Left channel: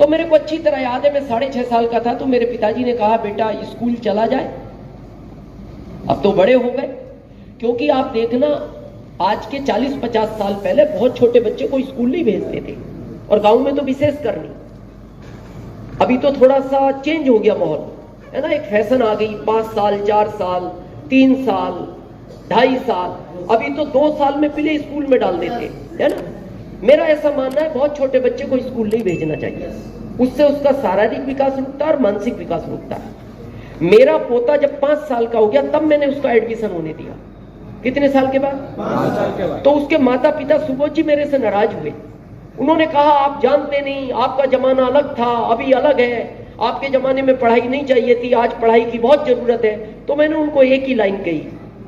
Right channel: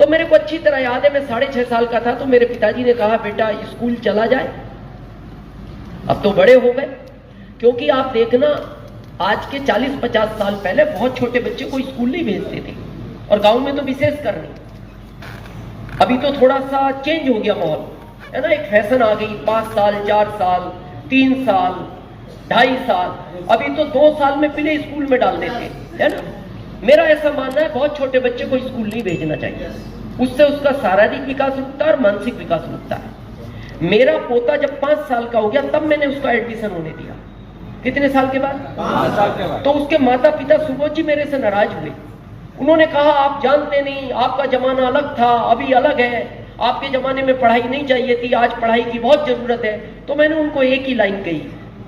तो मेरे को अच्छी तरह याद है, मैं 6.5 साल का था, तो मेरे पिताजी ने कहा बेटा स्कूल चला जाए। अब तो बड़े हो गए, क्योंकि आप देखना आज के 40-50 साल पहले बहुत छोटे बच्चे को स्कूल नहीं भेजते थे, और गांव में तो विशेष कर नहीं। अभी तो थोड़ा सा चेंज हो गया माहौल, है ना, एक फैशन आ गई, 5 साल 4 साल 3 साल 2.5 साल, अभी तो 2 साल में प्ले स्कूल में डाल देते, है ना। मेरा ऐसा मानना है बहुत छोटे बच्चे को स्कूल नहीं भेजना चाहिए, उससे उसका शारीरिक विकास रुकता है और मानसिक विकास रुकता है। मेरा पोता जब 5 साल का हो गया तब मैंने उसका एडमिशन होने दिया। कितने साल के बाद? 5 साल के बाद। तो उसके माता पिता सुबोध जी मेरे से नाराज हुए। उन्होंने कहा आप जानते नहीं, आपका जमाना अलग था, अभी अलग है, आपके जमाने में पढ़ाई नहीं चाहिए थी, आज पढ़ाई की बहुत जरूरत है। तो मैंने उनको एक ही लाइन कही,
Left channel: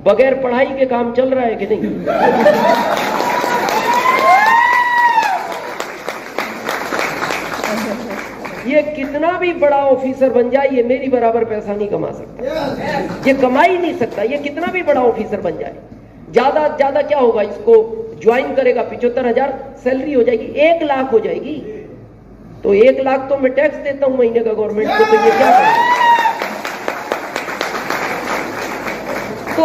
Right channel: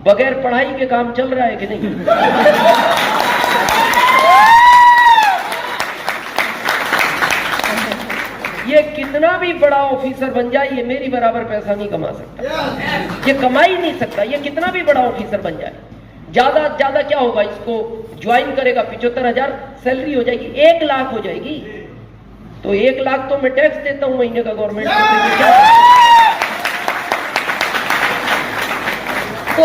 बगैर पढ़ाई के काम चल रहा है कि नहीं? ये कितना भी बड़ा ऑफिसर बन जाए, ये मेरी बराबर पैसा नहीं कमा सकता, ये कमा ही नहीं सकता। ये कितना भी बड़ा ऑफिसर बन जाए, ज्यादा ज्यादा क्या होगा, इसको ज्वाइन करेगा 75,000 सैलरी हो जाएगी, 1 लाख हो जाएगी। तो 1 लाख तो मैं टैक्स देता हूं महीने का गवर्नमेंट को, तो ये क्या है? तो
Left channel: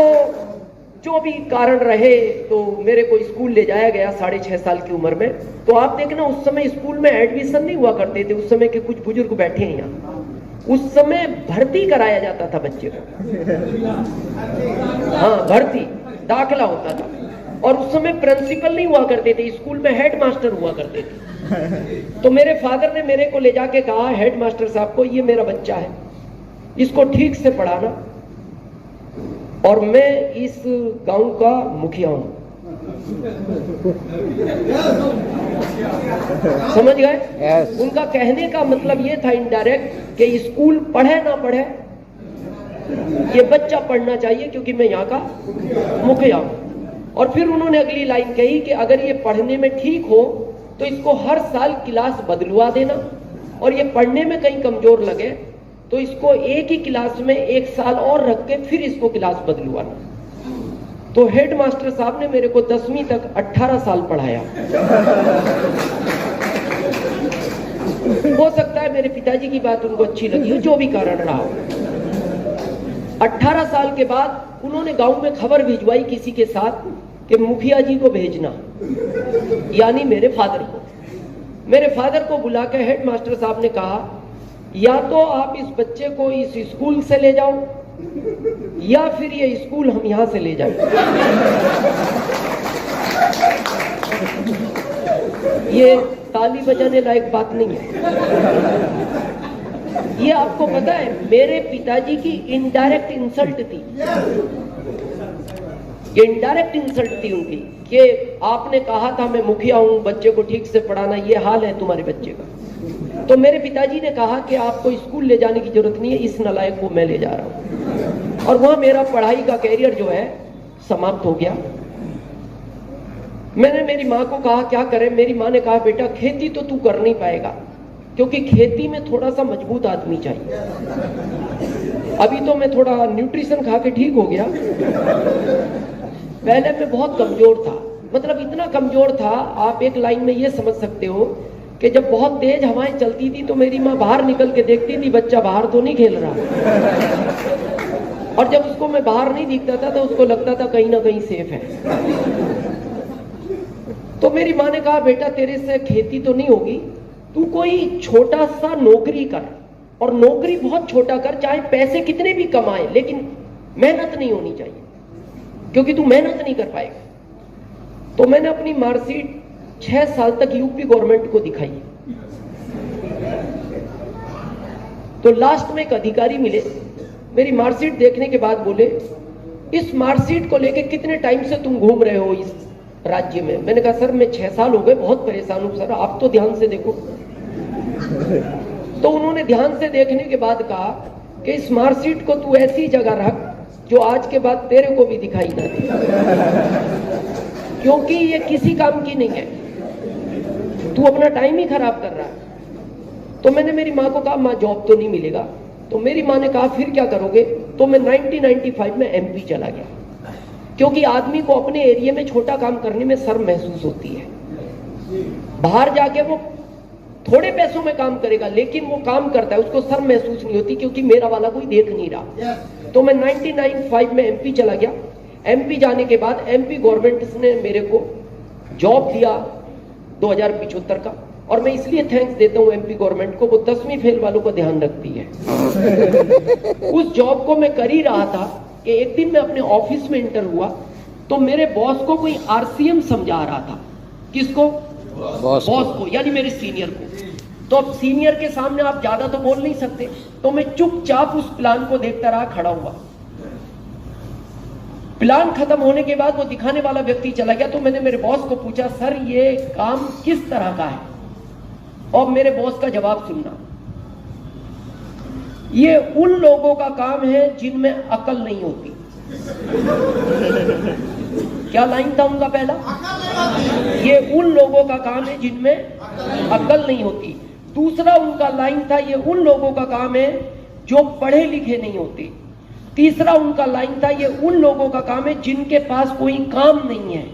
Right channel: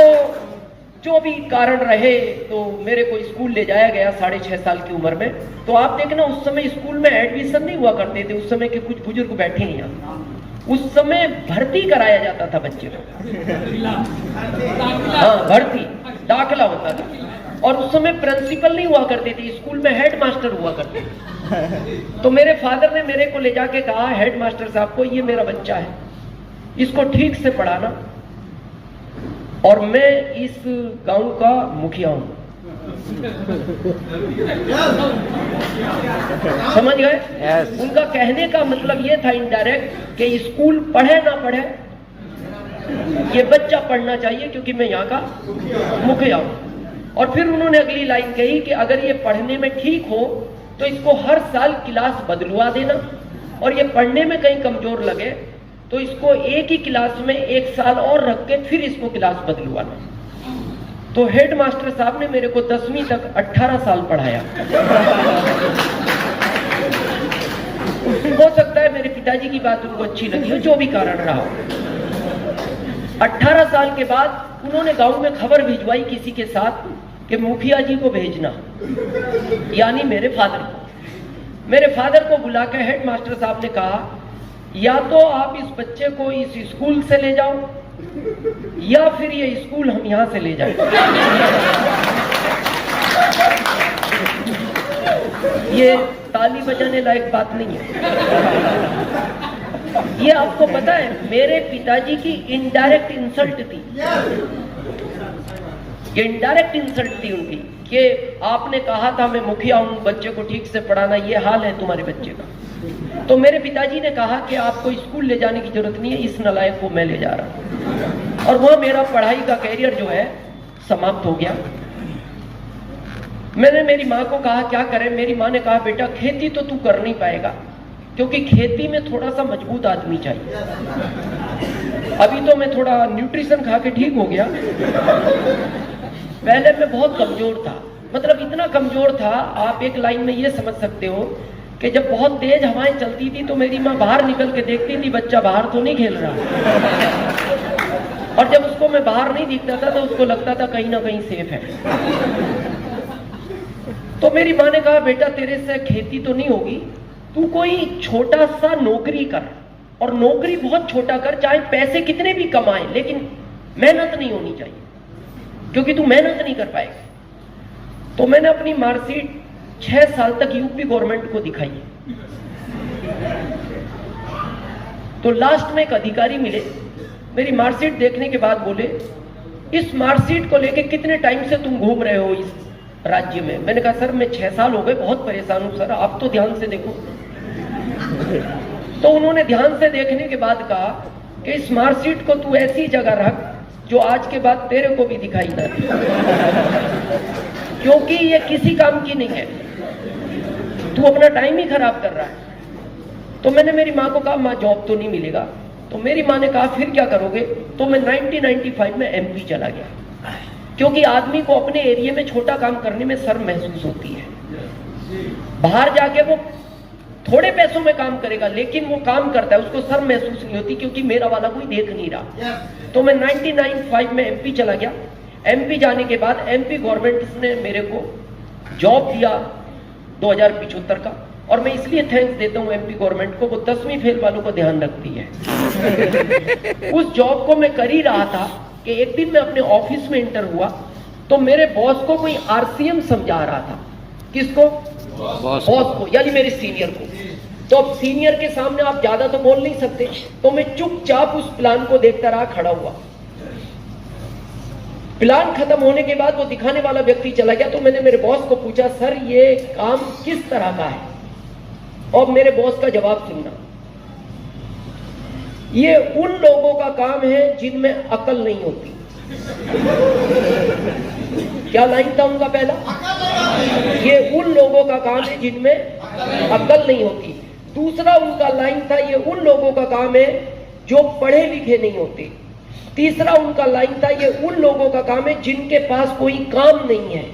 जो भी कारण रहे, तो मेरे को स्कूल ले जाया गया 6.5 साल की उम्र में। तो आप देखना उस समय स्कूल में एडमिशन नहीं हुआ करते थे, उस समय के कुछ बुजुर्ग बैठे हैं यहाँ, उस समय भर्ती कराया जाता था बच्चे को। हाँ, भर्ती दाखिला होता था, और उस समय प्रिंसिपल नहीं हुआ करते थे, स्कूल में हेड मास्टर हुआ करते थे। तो मेरे फादर ने मेरे को ले जाके कहा हेड मास्टर साहब को, ये मेरा बच्चा है, इसको ठीक से पढ़ाना, और मैं इस गांव का मुखिया हूं। समझ गए? yes. उनका कहने का मतलब ये था इनडायरेक्ट कि स्कूल पढ़े ना पढ़े, ये बच्चा पढ़ना चाहिए, क्योंकि मैं यहाँ का मुखिया हूं। और फिर उन्होंने अगली लाइन कही कि अगर ये पढ़ने में ठीक हो तो इसको हर साल क्लास बदलवा देना, और ये पढ़ने में कहीं कमजोर लगे तो इसको एक ही क्लास में 1 साल और रख के फिर इसको क्लास बदलवाना। तो हेड मास्टर साहब ने मेरे को 10वीं तक 18 साल पढ़ाया। हो सकता है मेरे पिताजी की बात उनको अच्छी लगी हो, जो भी कारण रहा। 18 साल के बाद उन्होंने गांव में खबर भिजवाई किसी के साथ कि मुखिया जी को भेजना, यानी मेरे फादर को। मेरे फादर को बुला के हेड मास्टर साहब ने कहा, या तो आप इस बच्चे को इस स्कूल से ले जाओ, या फिर ये स्कूल हम यहां से ले जाएं। ये ताली बजाने लायक बात नहीं है। ये आपको पता है मेरे पिताजी की इनडायरेक्ट इंसल्ट थी, ये इनडायरेक्ट इंसल्ट थी उनकी, कि आपने कहा था मैं मुखिया हूं, बच्चे को ठीक से पढ़ाना, ये हाल है तुम्हारे बच्चे का। तो मेरे पिताजी ने कहा कि आपको स्कूल ले जाने की जरूरत नहीं है, इस नालायक को मैं ले जा रहा हूं। और वहां मेरा पढ़ाई का कैरियर जो है समाप्त हो गया। मैंने मेरी माँ को कहा क्या करें। मेरी माँ ने कहा बेटा खेती तो तू कर नहीं पाएगा, क्योंकि खेती में थोड़ा सा मजबूत आदमी चाहिए। अभी तो मैं थोड़ा न्यूट्रिशन खा के ठीक हो गया, पहले मैं बहुत कमजोर था, मतलब इतना कमजोर था, आप एक लाइन में ये समझ सकते हो कि जब बहुत तेज हवाएं चलती थी तो मेरी माँ बाहर निकल के देखती थी बच्चा बाहर तो नहीं खेल रहा, और जब उसको मैं बाहर नहीं दिखता था तो उसको लगता था कहीं ना कहीं सेफ है। तो मेरी माँ ने कहा बेटा तेरे से खेती तो नहीं होगी, तू कोई छोटा सा नौकरी कर, और नौकरी बहुत छोटा कर, चाहे पैसे कितने भी कमाए, लेकिन मेहनत नहीं होनी चाहिए, क्योंकि तू मेहनत नहीं कर पाएगा। तो मैंने अपनी मार्कशीट 6 साल तक यूपी गवर्नमेंट को दिखाई। तो लास्ट में एक अधिकारी मिले, मेरी मार्कशीट देखने के बाद बोले इस मार्कशीट को लेके कितने टाइम से तुम घूम रहे हो इस राज्य में? मैंने कहा सर मैं 6 साल हो गए, बहुत परेशान हूं सर, आप तो ध्यान से देखो। तो उन्होंने ध्यान से देखने के बाद कहा कि इस मार्कशीट को तू ऐसी जगह रख जो आज के बाद तेरे को भी दिखाई ना दे, क्योंकि ये किसी काम की नहीं है, तू अपना टाइम ही खराब कर रहा है। तो मैंने मेरी माँ को कहा माँ जॉब तो नहीं मिलेगा। तो मेरी माँ ने कहा फिर क्या करोगे? तो मैं 1995 में एमपी चला गया, क्योंकि आदमी को अपने एरिया में छोटा काम करने में शर्म महसूस होती है। बाहर जाके वो थोड़े पैसों में काम करेगा, लेकिन वो काम करता है, उसको शर्म महसूस नहीं होती क्योंकि मेरा वाला कोई देख नहीं रहा। तो मैं 99-5 में एमपी चला गया। एमपी जाने के बाद एमपी गवर्नमेंट ने मेरे को जॉब दिया 2075 का, और मैं इसलिए थैंक्स देता हूं एमपी गवर्नमेंट को, वो 10वीं फेल वालों को ध्यान रखती है। उस जॉब को मैं कर ही रहा था कि एक दिन मैं अपने ऑफिस में इंटर हुआ, तो मेरे बॉस को कोई आरसीएम समझा रहा था। किसको? बॉस को, यानी मेरे सीनियर को। तो अब सीनियर के सामने आप ज्यादा तो बोल नहीं सकते, तो मैं चुपचाप उस प्लान को देखता रहा, खड़ा हुआ। प्लान खत्म होने के बाद वो दिखाने वाला व्यक्ति चला गया, तो मैंने मेरे बॉस को पूछा, सर ये काम किस तरह का है? और मेरे बॉस का जवाब सुनना, ये उन लोगों का काम है जिनमें अकल नहीं होती। क्या लाइन था उनका पहला? ये उन लोगों का काम है जिनमें अकल नहीं होती। दूसरा उनका लाइन था, ये उन लोगों का काम है जो पढ़े लिखे नहीं होते। तीसरा उनका लाइन था, ये उन लोगों का काम है जिनके पास कोई काम नहीं है।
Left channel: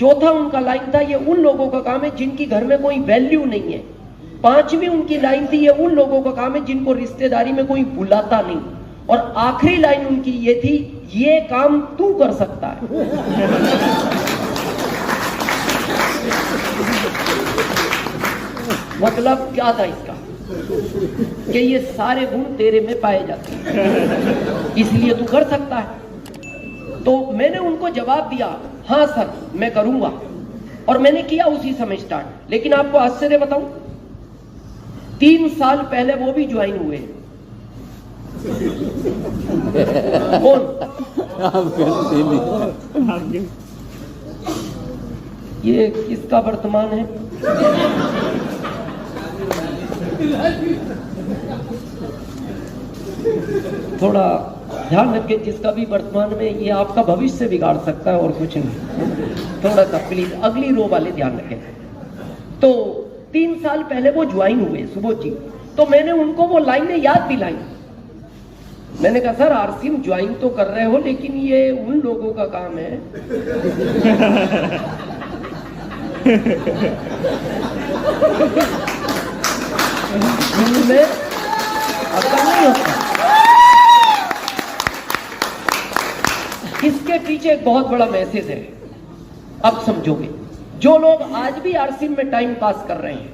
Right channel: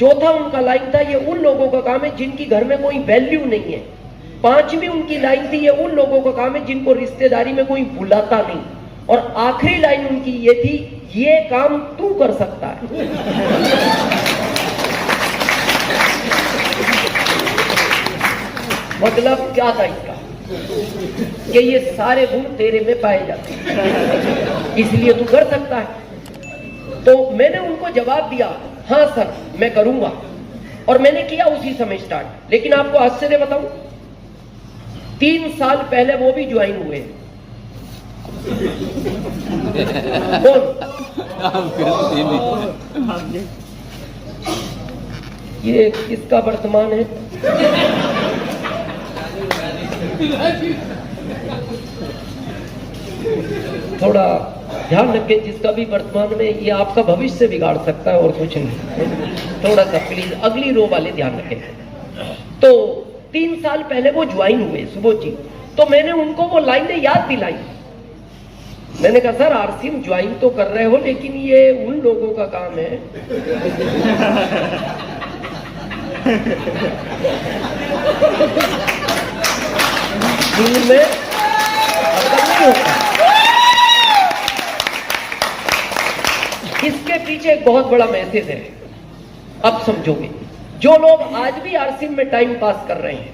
चौथा उनका लाइन था, ये उन लोगों का काम है जिनकी घर में कोई वैल्यू नहीं है। पांचवी उनकी लाइन थी, ये उन लोगों का काम है जिनको रिश्तेदारी में कोई बुलाता नहीं। और आखिरी लाइन उनकी ये थी, ये काम तू कर सकता है। मतलब क्या था इसका? कि ये सारे गुण तेरे में पाए जाते हैं, इसलिए तू कर सकता है। तो मैंने उनको जवाब दिया, हाँ सर मैं करूंगा, और मैंने किया उसी समय स्टार्ट। लेकिन आपको आश्चर्य बताऊं, 3 साल पहले वो भी ज्वाइन हुए। ये किसका वर्तमान है? थोड़ा ध्यान रखें, जिसका भी वर्तमान में, ये आपका भविष्य बिगाड़ सकता है और कुछ नहीं। थोड़ा सा प्लीज अगली रो वाले ध्यान रखें। तो 3 साल पहले वो ज्वाइन हुए सुबोध जी, तो मैंने उनको वो लाइनें याद दिलाई। मैंने कहा सर आरसीएम ज्वाइन तो कर रहे हो, लेकिन ये उन लोगों का काम है जिनमें अकल नहीं होता। इसके पीछे एक बहुत बड़ा मैसेज है, अब समझोगे। जो लोग आज भी आरसीएम में टाइम पास कर रहे हैं,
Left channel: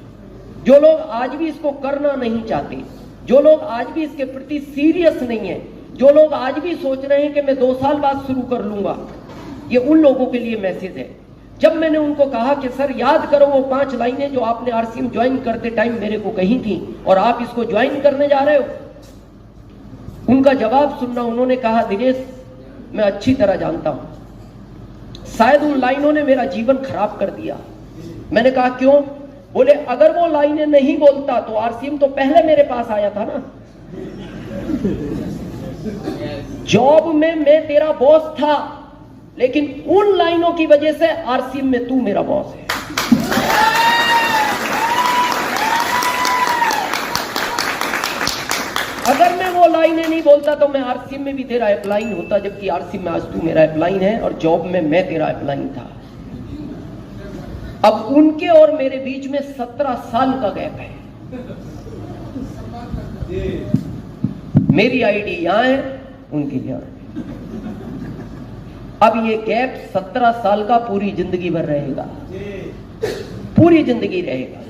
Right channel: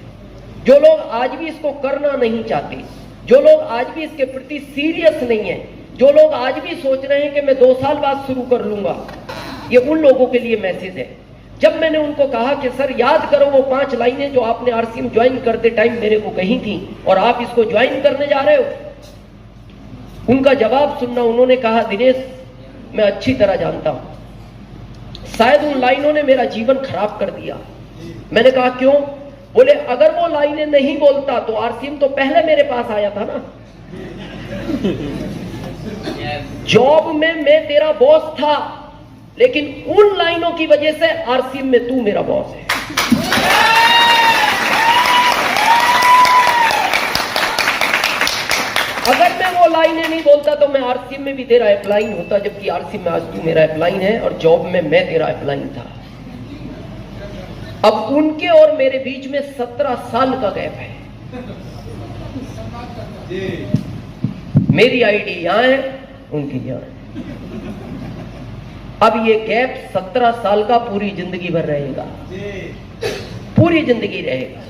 जो लोग आज भी इसको करना नहीं चाहते, जो लोग आज भी इसके प्रति सीरियस नहीं है, जो लोग आज भी सोच रहे हैं कि मैं 2 साल बाद शुरू कर लूंगा, ये उन लोगों के लिए मैसेज है। जब मैंने उनको कहा कि सर याद करो वो 5 लाइनें जो आपने आरसीएम ज्वाइन करते टाइम मेरे को कही थी और आप इसको ज्वाइन करने जा रहे हो, उनका जवाब सुनना। उन्होंने कहा दिनेश मैं अच्छी तरह जानता हूं, शायद उन लाइनों ने मेरा जीवन खराब कर दिया। मैंने कहा क्यों? बोले अगर वो लाइनें नहीं बोलता तो आरसीएम तो पहले मेरे पास आया था ना। जॉब में मैं तेरा बॉस था, लेकिन उन लाइनों की वजह से आरसीएम में तू मेरा बॉस है। अगर मैं वो लाइनें नहीं बोलता तो मैं आरसीएम में भी तेरा अप्लाइन होता, जबकि आरसीएम में आज तू मेरा अप्लाइन है और जॉब में मैं तेरा अप्लाइन था। अब उनके और मेरे बीच में 17 साल का गैप है। मेरी आईडी यहां है, उनकी यहां। अब ये गैप 17 साल का पूरी जिंदगी भर रहेगा, पूरी जिंदगी रहेगा,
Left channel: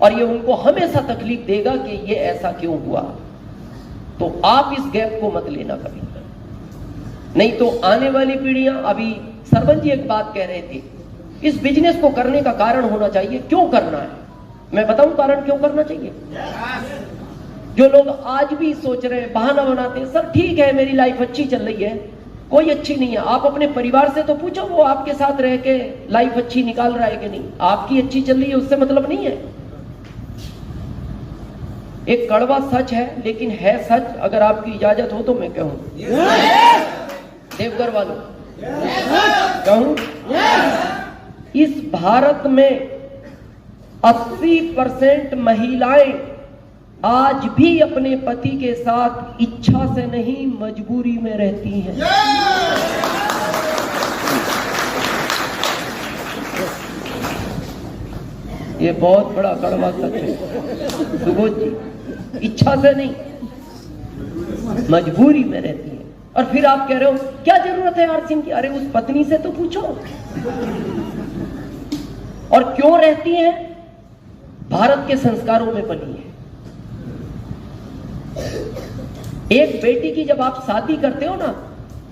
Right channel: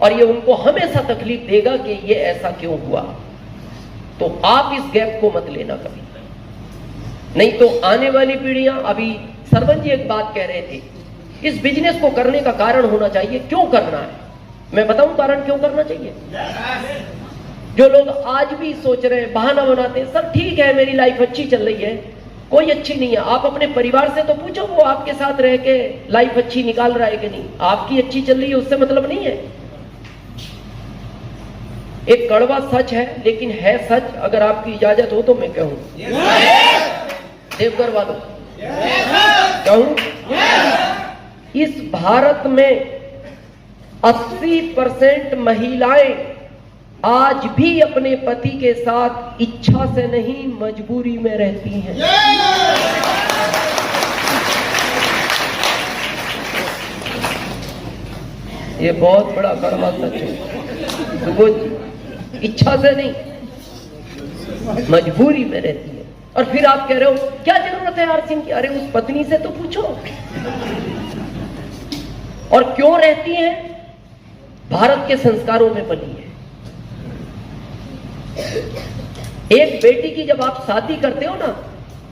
और ये उनको हमेशा तकलीफ देगा कि ये ऐसा क्यों हुआ। तो आप इस गैप को मत लेना कभी, नहीं तो आने वाली पीढ़ियां। अभी सरवन जी एक बात कह रहे थे, इस बिजनेस को करने का कारण होना चाहिए, क्यों करना है। मैं बताऊं कारण क्यों करना चाहिए। जो लोग आज भी सोच रहे हैं, बहाना बनाते हैं, सब ठीक है मेरी लाइफ अच्छी चल रही है, कोई अच्छी नहीं है। आप अपने परिवार से तो पूछो, वो आपके साथ रह के लाइफ अच्छी निकाल रहा है कि नहीं। आपकी अच्छी चल रही है उससे मतलब नहीं है। एक कड़वा सच है, लेकिन है सच। अगर आपकी इजाजत हो तो मैं कहूं, देवघर वालों कहूं, इस भारत में 80% महिलाएं आज भी अपने पति के साथ इच्छा से नहीं मजबूरी में रहती हैं। ये बहुत बड़ा कड़वा सच है। तो वो इच्छा से नहीं, मजबूरी में रहती है। और फिर आप कह रहे हो क्या जरूरत है आरसिंह की? अरे उस पत्नी से तो पूछो। और क्यों रहती है? भारत के संस्कारों में बनी है। एक बेटी की जब आप शादी करते हो ना,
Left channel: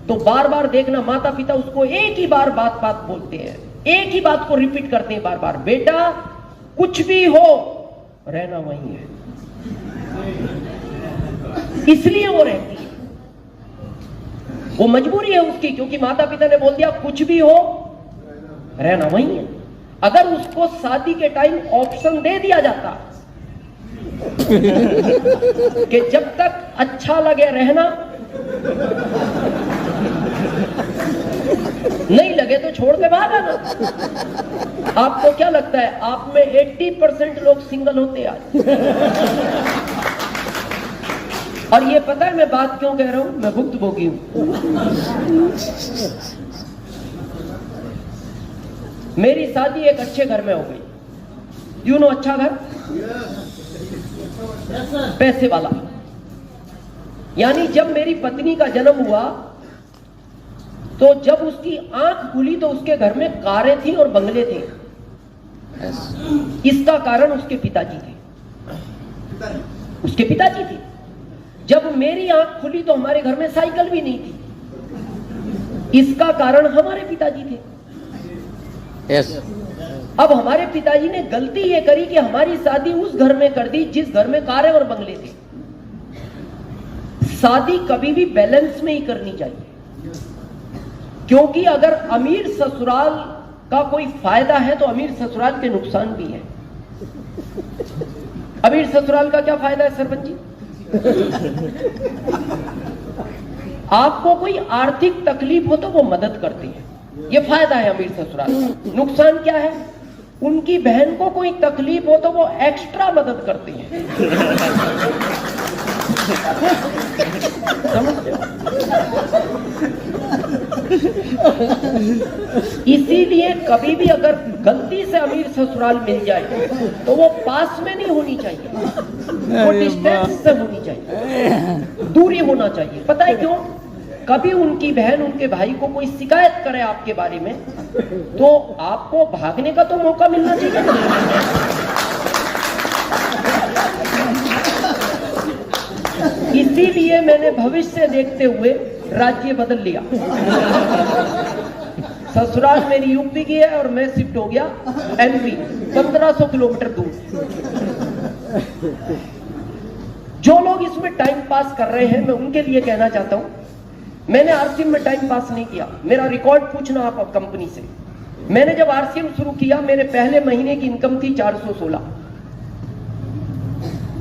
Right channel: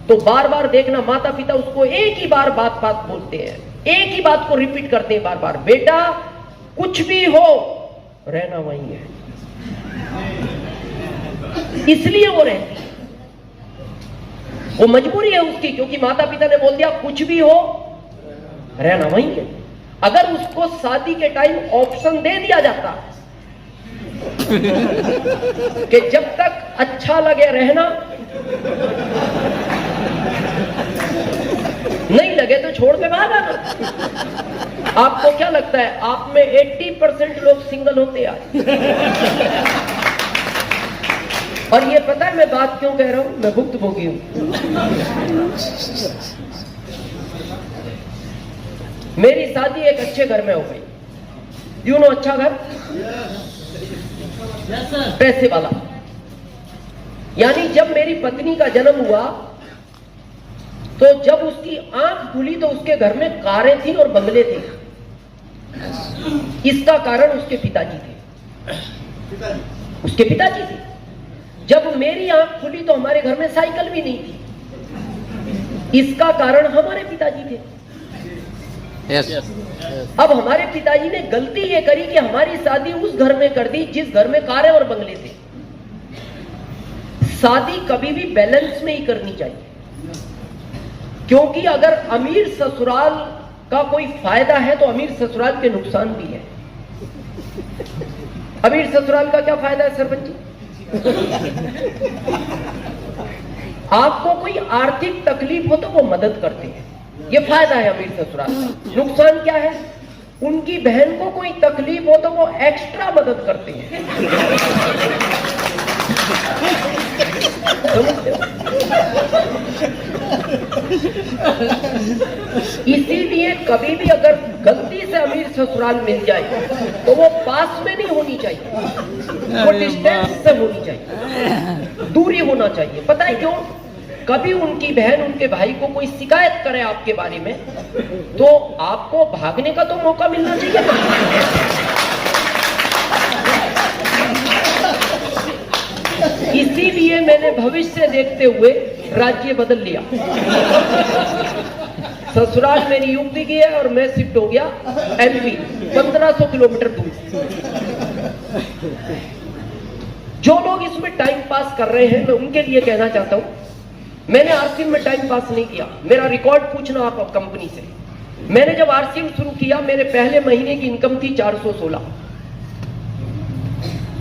तो बार बार देखना, माता पिता उसको एक ही बार बात बोलते हैं, एक ही बात को रिपीट करते हैं बार बार, बेटा कुछ भी हो रहना वहीं है। इसलिए वो रहती है, वो मजबूरी है उसकी, क्योंकि माता पिता ने बोल दिया कुछ भी हो रहना वहीं है। अगर उसको शादी के टाइम ऑप्शन दे दिया जाता कि जब तक अच्छा लगे रहना, नहीं लगे तो छोड़ के बाहर आना। आपको क्या लगता है आप में 80% लोग सिंगल होते हैं? और ये पता है मैं बात क्यों कह रहा हूं? मैं भुक्तभोगी हूं। मेरी शादी एक अच्छे घर में हो गई। यू नो अच्छा घर, पैसे वाला। यानी जब मेरी पत्नी का जन्म हुआ तो जब उसकी आंख खुली तो उसके घर में कारें थी और बंगले थे। इसका कारण उसके पिताजी थे। उसके पिताजी थे। जब मेरी आंख खुली तो हमारे घर में साइकिल भी नहीं थी। इसका कारण हमारे पिताजी थे। अब हमारे पिताजी ने गलती ये करी कि हमारी शादी उस घर में कर दी जिस घर में कारें और बंगले थे। शादी कभी भी बैलेंस में ही करनी चाहिए, क्योंकि अगर अमीर ससुराल का कोई फायदा है तो अमीर ससुराल के नुकसान भी है। अमीर ससुराल का क्या फायदा है सरपंच जी? आपको कोई आर्थिक तकलीफ हो तो वो मदद करते हैं, ये फायदा है अमीर ससुराल का। नुकसान क्या है? उनकी बहन को कोई तकलीफ हो तो वो एक्स्ट्रा मदद करते हैं। इसीलिए कभी भी अगर गलती से अमीर ससुराल मिल जाए तो वो पास में नहीं होनी चाहिए, वो डिस्टेंस से होनी चाहिए, दूरी होना चाहिए। पता है क्यों? कभी उनकी बहन उनके भाई को कोई शिकायत करे आपके बारे में तो आपको भागने का तो मौका मिलना चाहिए। इसीलिए मैंने भविष्य देखते हुए राज्य बदल लिया। ससुराल मेरी यूपी की है और मैं शिफ्ट हो गया एमपी, 1500 किलोमीटर दूर। जो लोग इसमें टाइम पास कर रहे हैं मैं उनके लिए कहना चाहता हूं, मैंने आरसीएम में टाइम पास नहीं किया। मेरा रिकॉर्ड पूछना आप कंपनी से। मैंने जब आरसीएम शुरू किया मेरे पहले महीने की इनकम थी 416।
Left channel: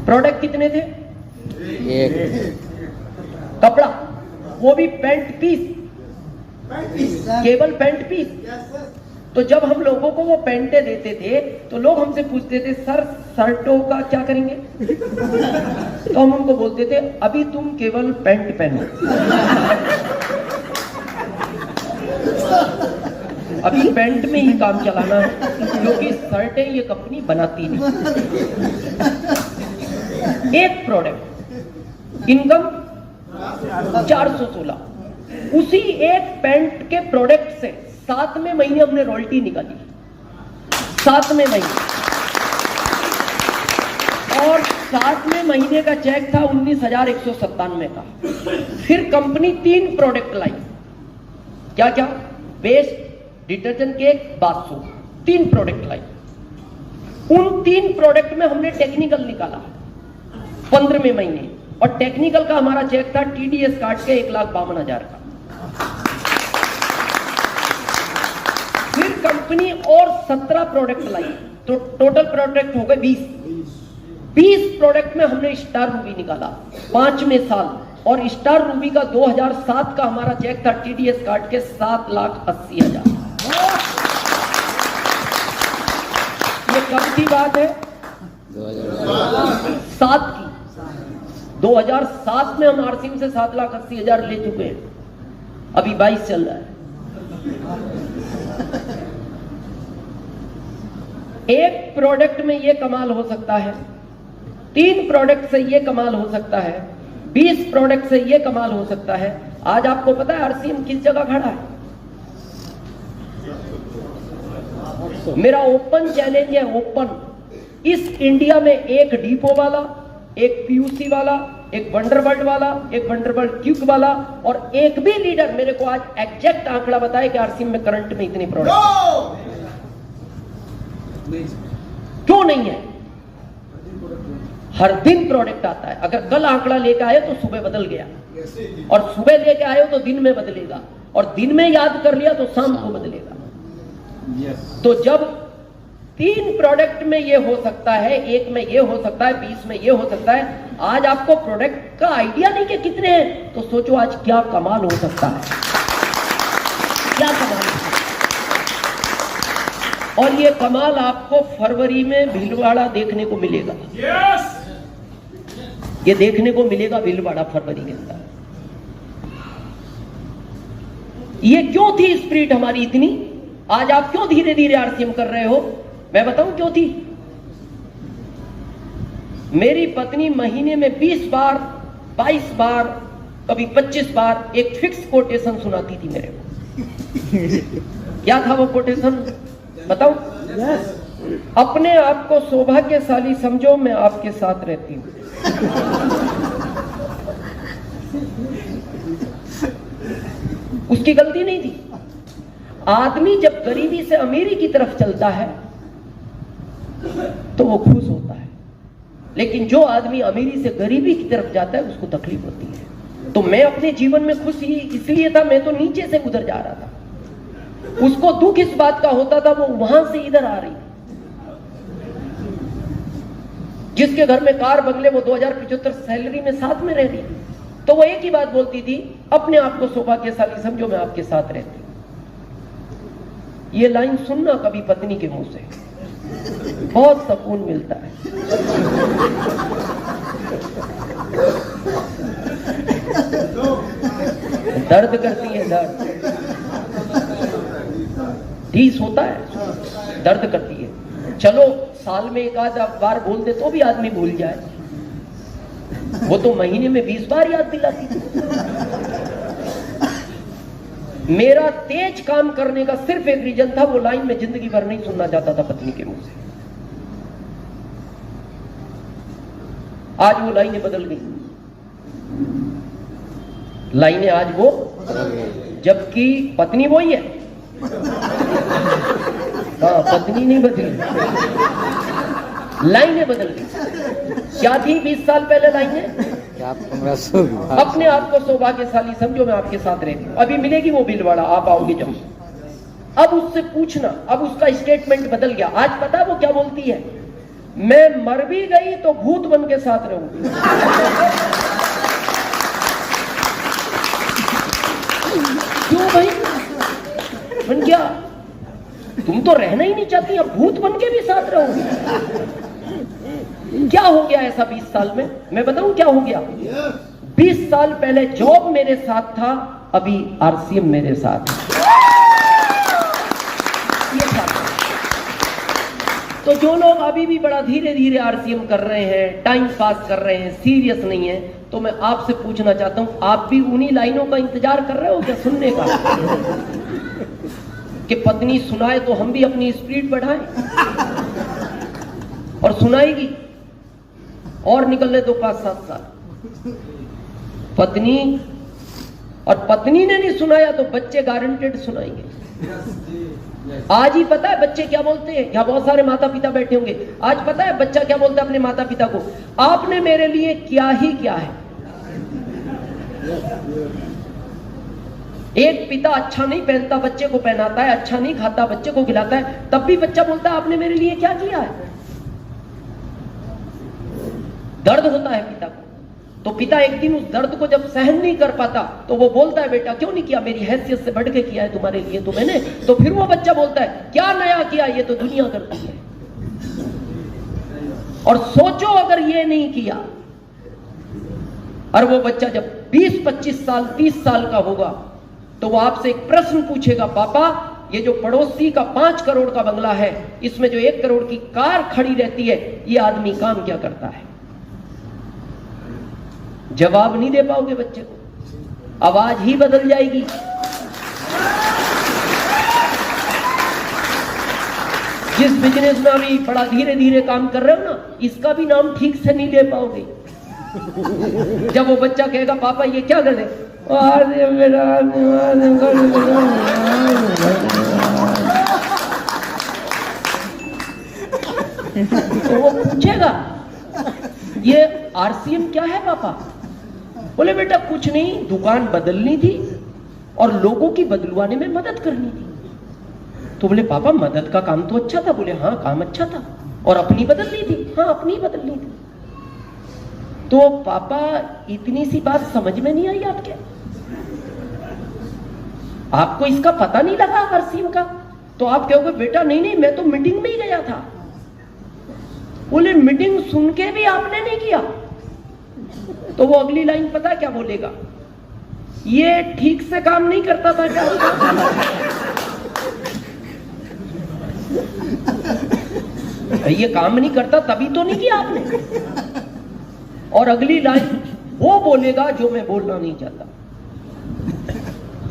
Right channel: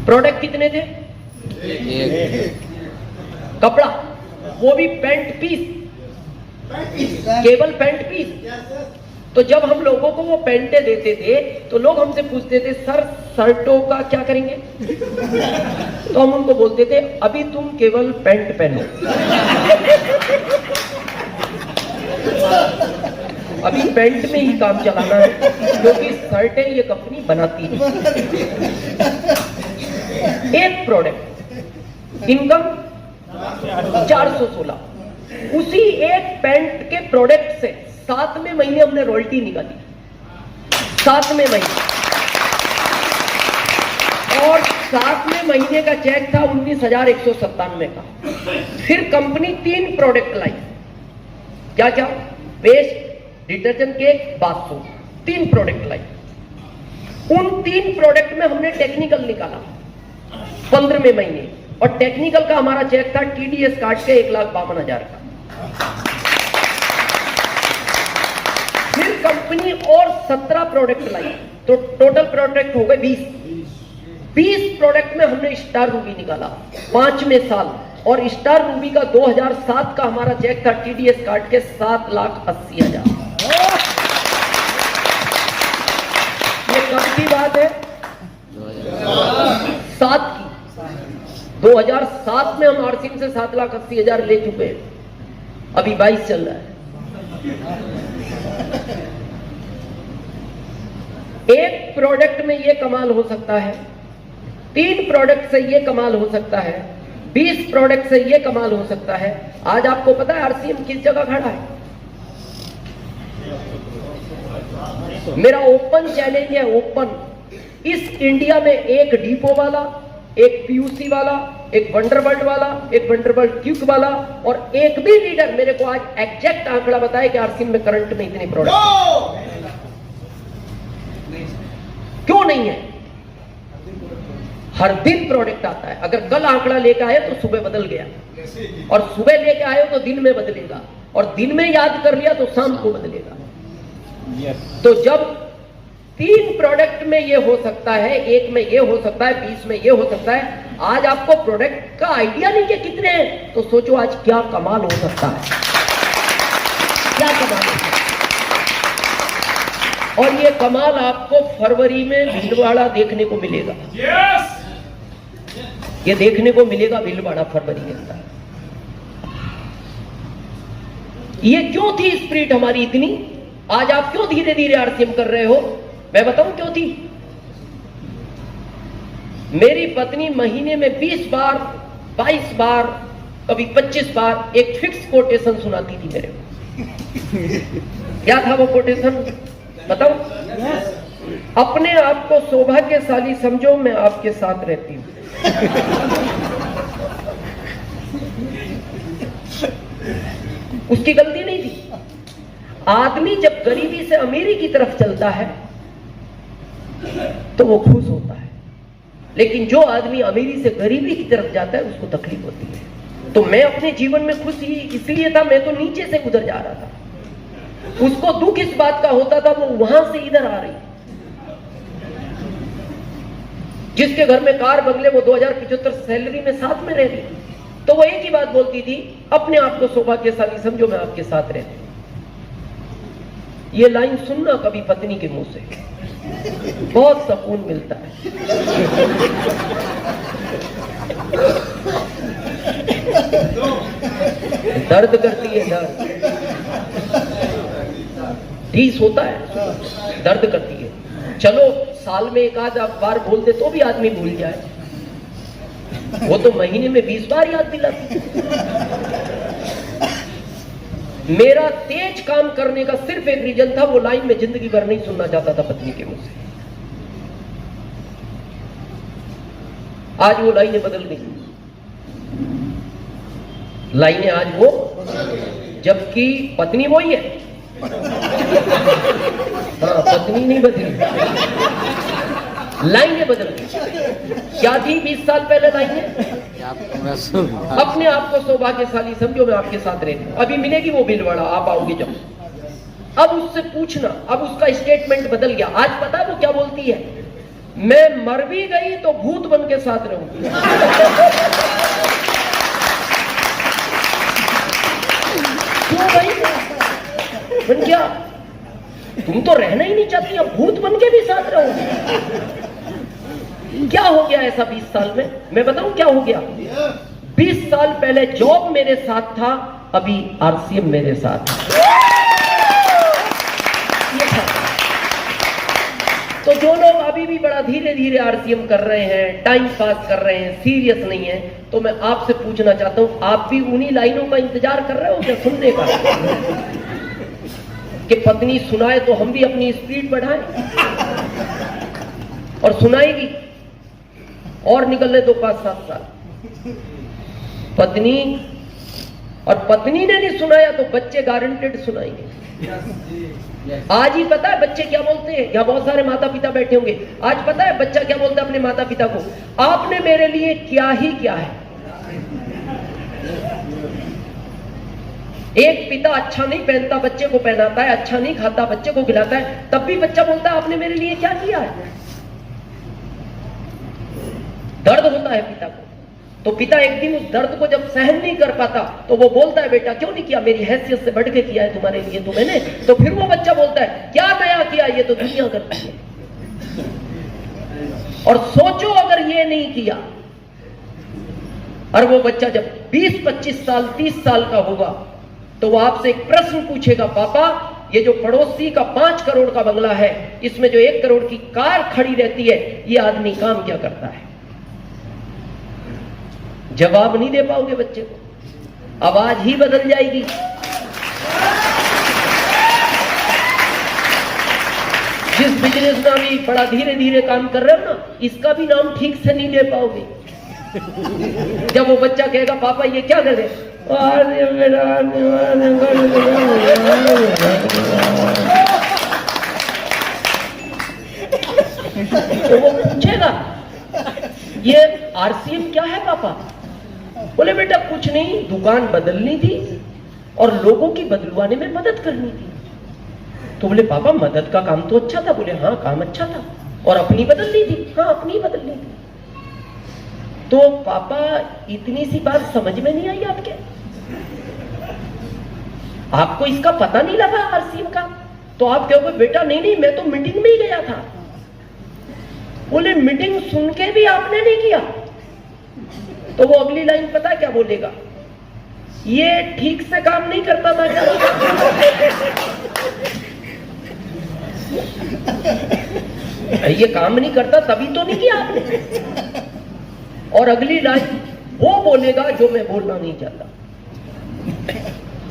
प्रोडक्ट कितने थे? कपड़ा, वो भी पैंट पीस, केवल पैंट पीस। तो जब हम लोगों को वो पैंटे देते थे तो लोग हमसे पूछते थे सर शर्टों का क्या करेंगे? तो हम उनको बोलते थे अभी तुम केवल पैंट पहनो, अभी पैंट में ही काम चलाना है, क्योंकि शर्टें ये कंपनी बनाती है। एक प्रोडक्ट इनकम 416। उसी एक पैंट के प्रोडक्ट से 7वें महीने हमने रॉयल्टी निकाली, 7वें महीने। और 7वें महीने का चेक था 19,197 का। फिर कंपनी 3 प्रोडक्ट लाई। क्या क्या? Paste, detergent cake, bath soap, 3 product लाई। उन 3 प्रोडक्ट में हमने टेक्निकल निकाला 15वें महीने, और टेक्निकल का हमारा चेक था टीडीएस काट के 1,52,000 का। फिर कंपनी और 17 प्रोडक्ट लाई, तो टोटल प्रोडक्ट हो गए 20 प्रोडक्ट में हमने स्टार रूबी निकाला 5वें साल। और स्टार रूबी का 2007 का हमारा चेक था टीडीएस काट के 7,80,000। ये कब की बात है? 7 की। 2007 में हम आरसिंह से 7,80,000 ले चुके हैं, अभी 22 चल रहा है। एक प्रोडक्ट में ये कमाल हो सकता है, 3 प्रोडक्ट से ये कमाल हो सकता है, 20 प्रोडक्ट से ये कमाल हो सकता है। आज आपको पता है आरसीएम किस जगह खड़ा है? मेरा ओपन चैलेंज है, ओपन, इस इंडिया में एक डिपो वाला, एक पीयूसी वाला, एक वंडरबर्ड वाला, एक वंडरबर्ड क्विक वाला और एक भी लीडर मेरे को आज एग्जैक्ट आंकड़ा बताए कि आरसीएम में करंट में इतने प्रोडक्ट क्यों नहीं है? हर दिन प्रोडक्ट आता है। अगर कल आंकड़ा लेकर आए तो सुबह बदल गया, और सुबह लेके आए तो दिन में बदलेगा, और दिन में याद कर लिया तो शाम को बदलेगा। तो जब 3 प्रोडक्ट में ये हो सकता है, एक में ये हो सकता है, 20 में ये हो सकता है, आज आपको प्रोडक्ट का आइडिया नहीं कि कितने हैं, तो सोचो आज क्या कमाल हो सकता है, क्या कमाल हो सकता है। और ये कमाल आपको फरवरी में भीलवाड़ा देखने को मिलेगा। ये देखने को मिलेगा भीलवाड़ा फरवरी के अंदर। ये क्यों थी स्पिरिट हमारी इतनी? आज आप क्यों धीरे धीरे आरसीएम कर रहे हो? मैं बताऊं क्यों थी। मेरी पत्नी महीने में 20 बार, 22 बार, कभी 25 बार एक फिक्स कोटेशन सुनाती थी मेरे को। क्या था वो कोटेशन बताऊं? अपने आप को सौभाग्यशाली समझो, मैं आपके साथ रहती हूं। उसकी गलती नहीं थी। आदमी जब गरीबी से अमीरी की तरफ चलता है तो वो खुश होता है, लेकिन जो आदमी अमीरी से गरीबी की तरफ जाता है उसको तकलीफ होती है। तो मैं अपने जीवन में खुश ही इसलिए था, मैं तो नीचे से गुजर जा रहा था। उसको दुख इस बात का होता था वो वहां से इधर आ रही। जिसके घर में कार बंगले, वो 2075 सैलरी में साथ में रह रही, तो वो एक ही बात बोलती थी, अपने आप को सौभाग्यशाली समझो, मैं आपके साथ रहती। ये लाइन सुनना कभी पत्नी के मुंह से, बहुत सुकून मिलता है। दर्द करती है, दर्द ठीक होता है, दर्द करती है। चलो साल में एक आध बार बोल दे तो भी आदमी भूल जाए, वो तो महीने में 20 बार याद दिलाती। मेरा तेज काम करने का सिर्फ एक रीजन था, वो लाइन में जिंदगी भर नहीं सुनना चाहता था पत्नी के मुंह से। आज वो लाइनें बदल गई, लाइनें आज वो, जबकि पत्नी वही है। हाँ, पत्नी नहीं बदली, लाइनें बदल गई। क्या थी 20 साल पहले लाइनें? अपने आप को सौभाग्यशाली समझो, मैं आपके साथ रहती हूं। अभी मिलेगी वो भीलवाड़ा, आप आओगे जब। अब उससे पूछना, अब उसका स्टेटमेंट बदल गया। आज पता वो क्या बोलती है? मैं मर भी गई तो भूत बन के साथ रहूंगी। क्यों भाई? बन क्या? तुम तो रहना ही नहीं चाहती, अब भूत बन के भी साथ रहोगे? क्या हो गया ऐसा 20 साल में? मैं बताऊं क्या हो गया। 20 साल पहले जॉब मेरे साथ था, अभी आरसीएम मेरे साथ है। ये था। तो जो लोग अभी भी बड़ा धीरे धीरे आरसीएम कर रहे हैं, टाइम पास कर रहे हैं, सीरियस नहीं है, तो मैं आपसे पूछना चाहता हूं, आप भी उन्हीं लाइनों का इंतजार कर रहे हो क्या सुनने का? कि पत्नी सुनाए तो हम भी अपनी स्पीड बढ़ाएं, और सुनाएगी और निकलने दो 5-7 साल। पत्नी, और पत्नी ने नहीं सुनाया तो बच्चे गारंटेड सुनाएंगे। आज ही पता है बच्चे क्या बोलते हैं? यहाँ बहुत सारे माता पिता बैठे होंगे। आज पता है बच्चा क्या बोलता है अपने माता पिता को? आपने मेरे लिए क्या ही क्या है। एक पिता अच्छा नहीं पहनता, बच्चे को पहनाता है, अच्छा नहीं खाता, बच्चे को खिलाता है, तब भी बच्चा बोलता है आपने मेरे लिए क्या किया है। दर्द होता है पिता को, तो पिता एक दिन उस दर्द को जब सहन नहीं कर पाता तो वो बोलता है बेटा क्यों नहीं किया, मेरी हैसियत से बढ़ के किया है तुम्हारे लिए तो मैंने। तो फिर वो बच्चा बोलता है क्या नया किया, ये तो दुनिया करती है। और सोचो अगर ये नहीं किया, और वो बच्चा जब 20-25 साल 30 साल का होगा तो वो आपसे एक प्रश्न पूछेगा, पापा ये जो पड़ोसी का 5 करोड़ का बंगला है, इसमें जो 1 करोड़ की कार खड़ी रहती है, ये आदमी काम क्या करता है? जवाब नहीं दे पाओगे बच्चे को, आवाज ही बदल जाएगी। जिस बिजनेस में अभी बड़ा धीरे धीरे काम कर रहे हो ना, इसका भी नाम ठीक से नहीं दे पाओगे। जब वो बच्चा कहेगा पापा ये क्या कर रहे, तो वो पूछेगा ये आरसीएम क्या है पापा? बोले बेटा कुछ नहीं, दुकान बदलनी थी और लोगों की बदलवाने में मदद करनी थी। तो बोले पापा मदद का काम तो अच्छा था। बोले हाँ काम अच्छा था, और अपनी बदलनी थी। हाँ अपनी बदलनी थी। तो पापा इतनी सी बात समझ में नहीं आई आपके? आपको इसका पता नहीं लगा आरसीएम का? तो आप कहोगे बेटा नहीं नहीं मैं तो मीटिंग में ही गया था। बोले मीटिंग सुन के भी आपने नहीं किया? तो वो अगली लाइन पता है क्या बोलेगा? ये ठीक से काम नहीं करता था क्या? ये काम नहीं करता तभी तो नहीं किया आपने। और अगली लाइन वो बोलेगा जो मैं बोलना नहीं चाहता,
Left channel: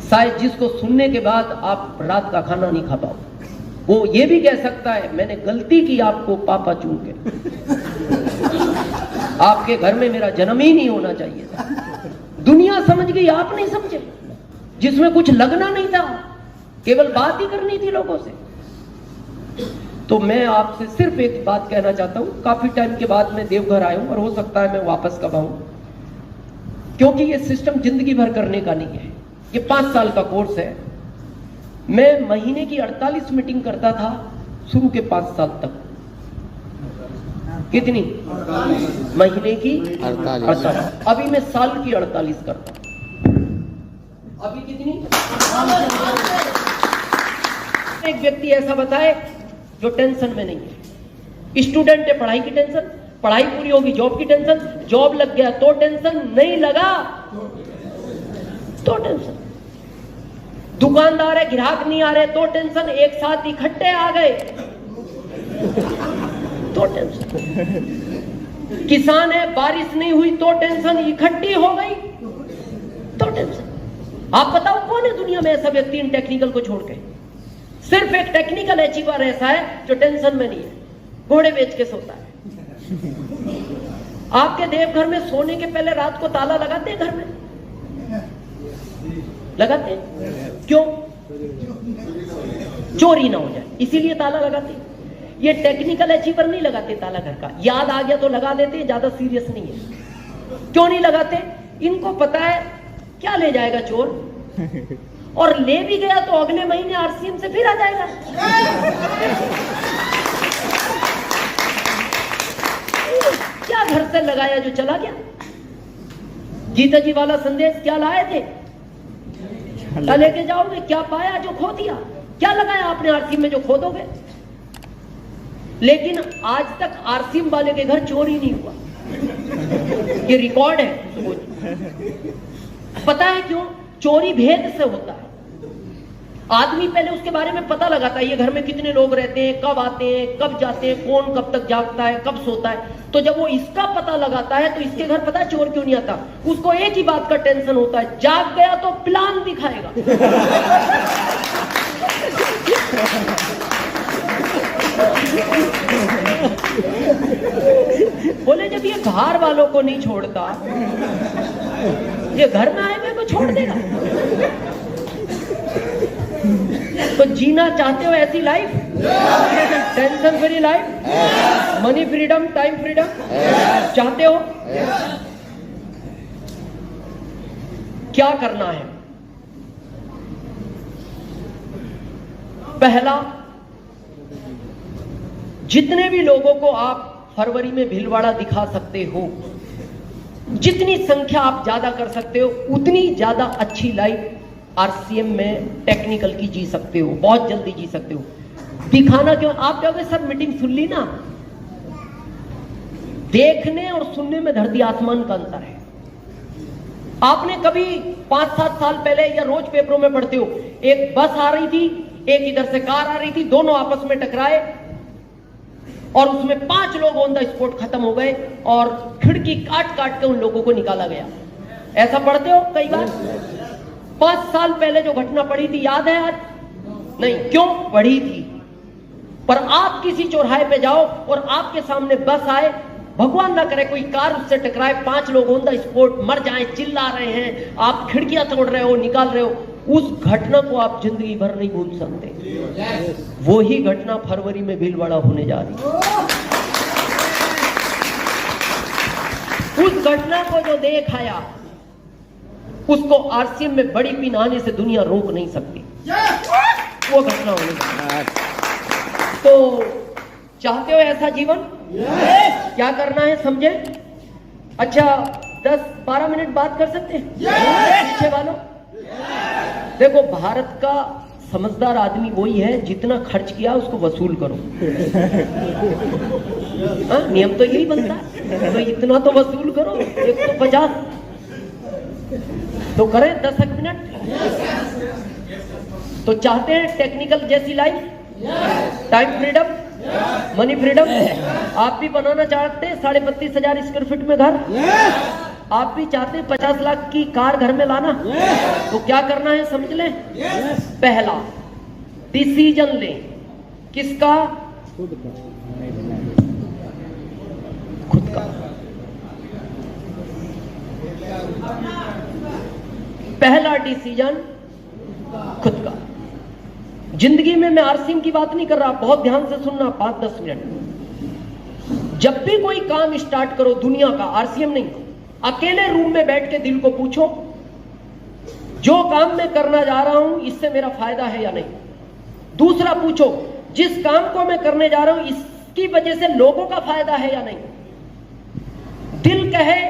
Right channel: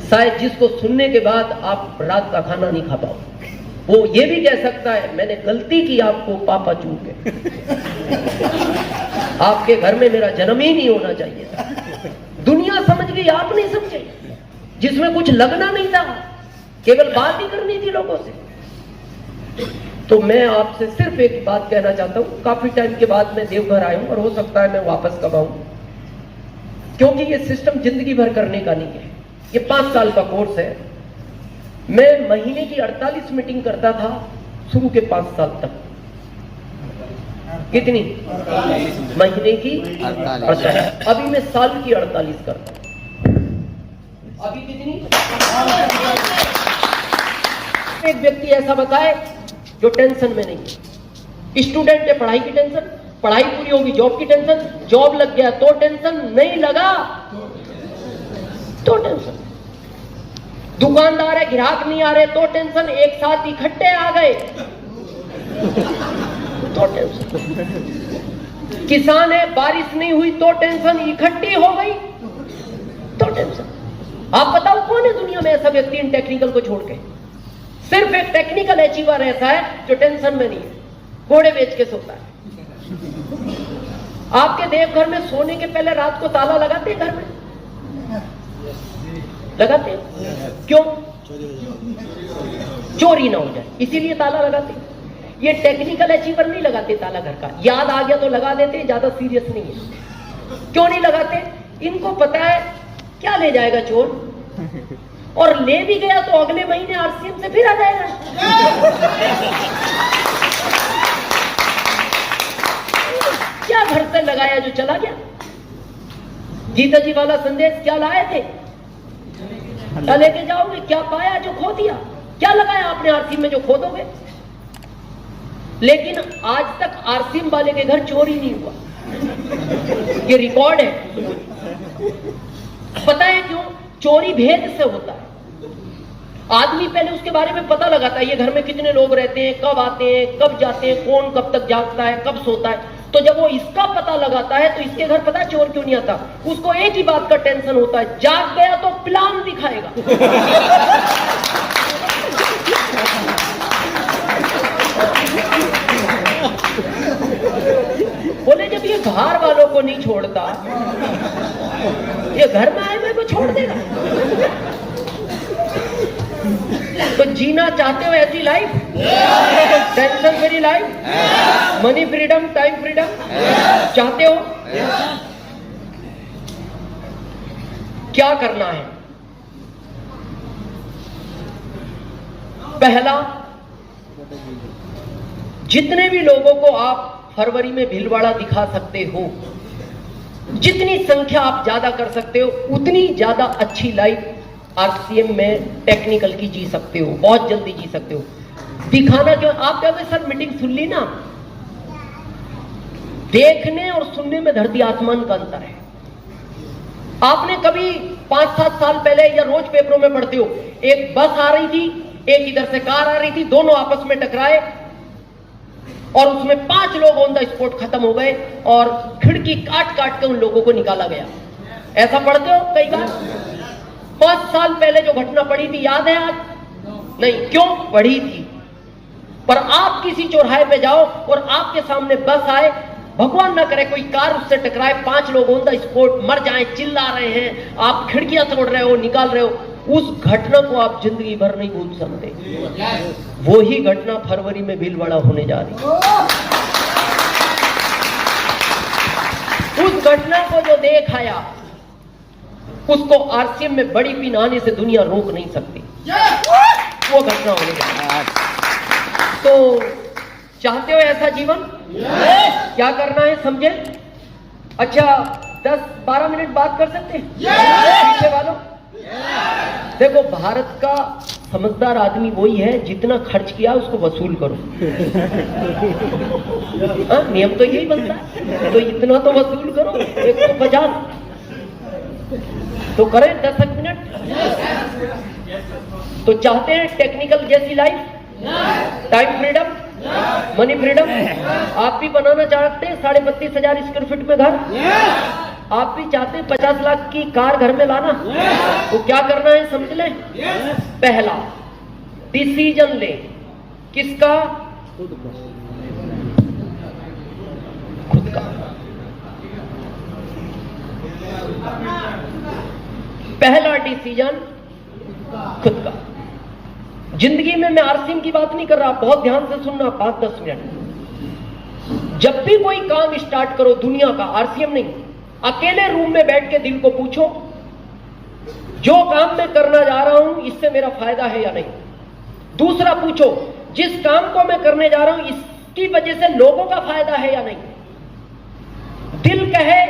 शायद जिसको सुनने के बाद आप रात का खाना नहीं खा पाओ। वो ये भी कह सकता है मैंने गलती की आपको पापा चूक के, आपके घर में मेरा जन्म ही नहीं होना चाहिए था। दुनिया समझ गई, आप नहीं समझे। जिसमें कुछ लगना नहीं था, केवल बात ही करनी थी लोगों से। तो मैं आपसे सिर्फ एक बात कहना चाहता हूं, काफी टाइम के बाद मैं देवघर आया हूं और हो सकता है मैं वापस कब आऊं, क्योंकि ये सिस्टम जिंदगी भर करने का नहीं है। ये 5 साल का कोर्स है। मैं महीने की 48 मीटिंग करता था शुरू के 5 साल तक। कितनी? महीने की 48। अभी मैं साल की 48 करता हूं। अभी कितनी? एक व्यक्ति ऐसा बताए जो टेंशन में नहीं है। स्टूडेंट है, पढ़ाई की टेंशन, पढ़ाई पूरी होगी जॉब की टेंशन, जॉब लग गया तो टेंशन, नहीं लगा तो टेंशन, दुकानदार है ग्राहक नहीं आ रहे तो टेंशन, एक साथ इकट्ठे आ गए तो टेंशन, किसान है बारिश नहीं हुई तो टेंशन, इकट्ठी हो गई तो टेंशन। आप बताओ कौन है दुनिया में ऐसा व्यक्ति इन टेक्निकल को छोड़ के? सिर्फ एक टेक्निकल अचीवर ऐसा है जो टेंशन में नहीं है, घोड़े बेच के सोता है। आपके देवघर में सोने के पहले रात को ताला लगाते हैं घर में? लगाते हैं। क्यों? चोरी ना हो जाए, इसीलिए ताला लगाते हैं। ये टेक्निकल अचीवर नहीं लगाते ताला घर का, याद आ गया तो लगा देते हैं, ज्यादा सीरियस नहीं है। क्यों नहीं लगाते? इनको पता है क्या ले जाएगा चोर, और ले भी गया तो अगले महीने आरसीएम से फिर आ जाएगा। क्या घर से लगाया जो चला गया? गीता जी वाला संदेश क्या लाए थे? लेके जाओगे, क्या पाया जो खो दिया? क्या लगाया आपने आरसीएम में जो खो दोगे? लेकिन आज तक आरसीएम वाले के घर चोरी नहीं हुआ, ये रिकॉर्ड है। पता है क्यों? चोरी भेद से होता है। आदमी पहले उसके बारे में पता लगाता है, ये घर में कितने लोग रहते हैं, कब आते हैं, कब जाते हैं, कौन कब तक जागता है, कब सोता है। तो जब वो इसका पता लगाता है तो इसके घर पता है चोर क्यों नहीं आता? उसको एक ही बात का टेंशन होता है, जाग गया तो प्लान दिखाएगा। बोले जब ये बाहर वालों को नहीं छोड़ता, ये घर में आए हुए को छोड़ देगा? तो जीना चाहते हो ऐसी life, tension free life, money freedom, time freedom चाहते हो? क्या करना है? पहला, जितने भी लोगों को आप फरवरी में भीलवाड़ा दिखा सकते हो, जितनी संख्या आप ज्यादा कर सकते हो, उतनी ज्यादा अच्छी लाइफ आरसीएम में टेक्निकल की जी सकते हो, बहुत जल्दी जी सकते हो। दिखाना क्यों? आप कहोगे सर मीटिंग सुन ली ना, देखने और सुनने में धरती आसमान का अंतर है। आपने कभी 5-7 साल पहले, या रोज पेपरों में पढ़ते हो, एक बस आ रही थी, एक इधर से कार आ रही थी, दोनों आपस में टकराए और उसमें 5 लोग ऑन द स्पॉट खत्म हो गए और खिड़की काट काट के उन लोगों को निकाला गया। ऐसा पढ़ते हो कई बार? 5 साल पहले जो घटना पड़ी थी याद है आज? नहीं। क्यों पड़ी थी? पर आप किसी चौराहे पे जाओ और आपके सामने बस आए, भगवान ना करे कोई कार उससे टकराए, 5 लोग ऑन द स्पॉट मर जाएं, चिल्ला रहे हैं, आप खिड़कियां तोड़ रहे हो, निकाल रहे हो, उस घटना को आप जिंदगी भर नहीं भूल सकते। वो ही घटना फरवरी में भीलवाड़ा होने जा रही है। उस घटना को जो देख आया उसको आरसीएम में बड़ी पिन आने से दुनिया रोक नहीं सकती। वो घटना होने जा रही है। तो चाहते हो ऐसा जीवन? क्या करना है समझे? अच्छा 10-12 मिनट बात कर सकते हैं पीछे वालों? देखो, भारत का समझदार आदमी वही है जितना खर्च किया उसको वसूल करो। नियम तो यही बनता है, तो इतना तो वसूल करो, 150 तो करें 10 मिनट। तो चाहते हैं टेक्निकल जैसी life, time freedom, money freedom? आप भी बनाना चाहते हैं 32,500 स्क्वायर फीट में घर? आप भी चाहते हैं 50 लाख की कार घर में लाना? तो क्या करना है समझ लें। पहला डिसीजन लें। किसका? खुद का। पहला डिसीजन खुद का। जिंदगी में मैं आरसीएम की बात नहीं कर रहा, बहुत ध्यान से सुनना, 5-10 मिनट। जब भी कोई काम स्टार्ट करो दुनिया का, आरसीएम नहीं, अकेले रूम में बैठ के दिल को पूछो, जो काम मैं करना जा रहा हूं इससे मेरा फायदा है या नहीं। दूसरा पूछो, जिस काम को मैं करने जा रहा हूं इसकी वजह से लोगों का फायदा है या नहीं। दिल कहे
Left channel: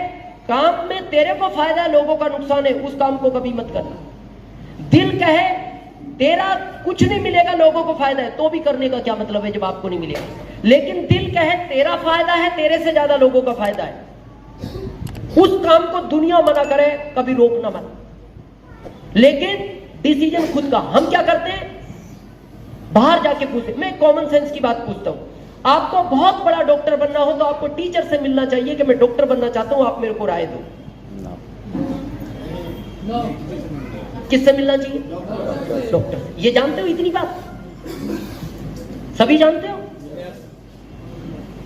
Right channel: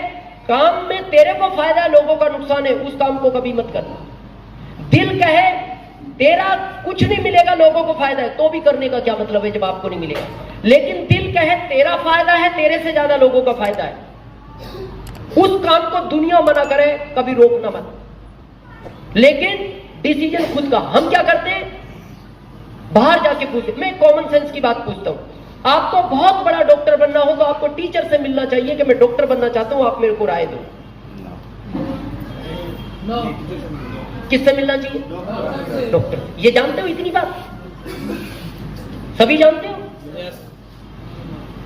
काम में तेरे को फायदा है, लोगों का नुकसान है, उस काम को कभी मत करना। दिल कहे तेरा कुछ नहीं मिलेगा, लोगों को फायदा है, तो भी करने का क्या मतलब है जब आपको नहीं मिलेगा। लेकिन दिल कहे तेरा फायदा है, तेरे से ज्यादा लोगों का फायदा है, उस काम को दुनिया मना करे, कभी रोकना मत। लेकिन डिसीजन खुद का। हम क्या करते हैं, बाहर जाके पूछते। मैं कॉमन सेंस की बात पूछता हूं। आपको बहुत बड़ा डॉक्टर बनना हो तो आपको टीचर से मिलना चाहिए कि मैं डॉक्टर बनना चाहता हूं, आप मेरे को राय दो। किससे मिलना चाहिए? डॉक्टर। ये जानते हो इतनी बात? सभी जानते हो?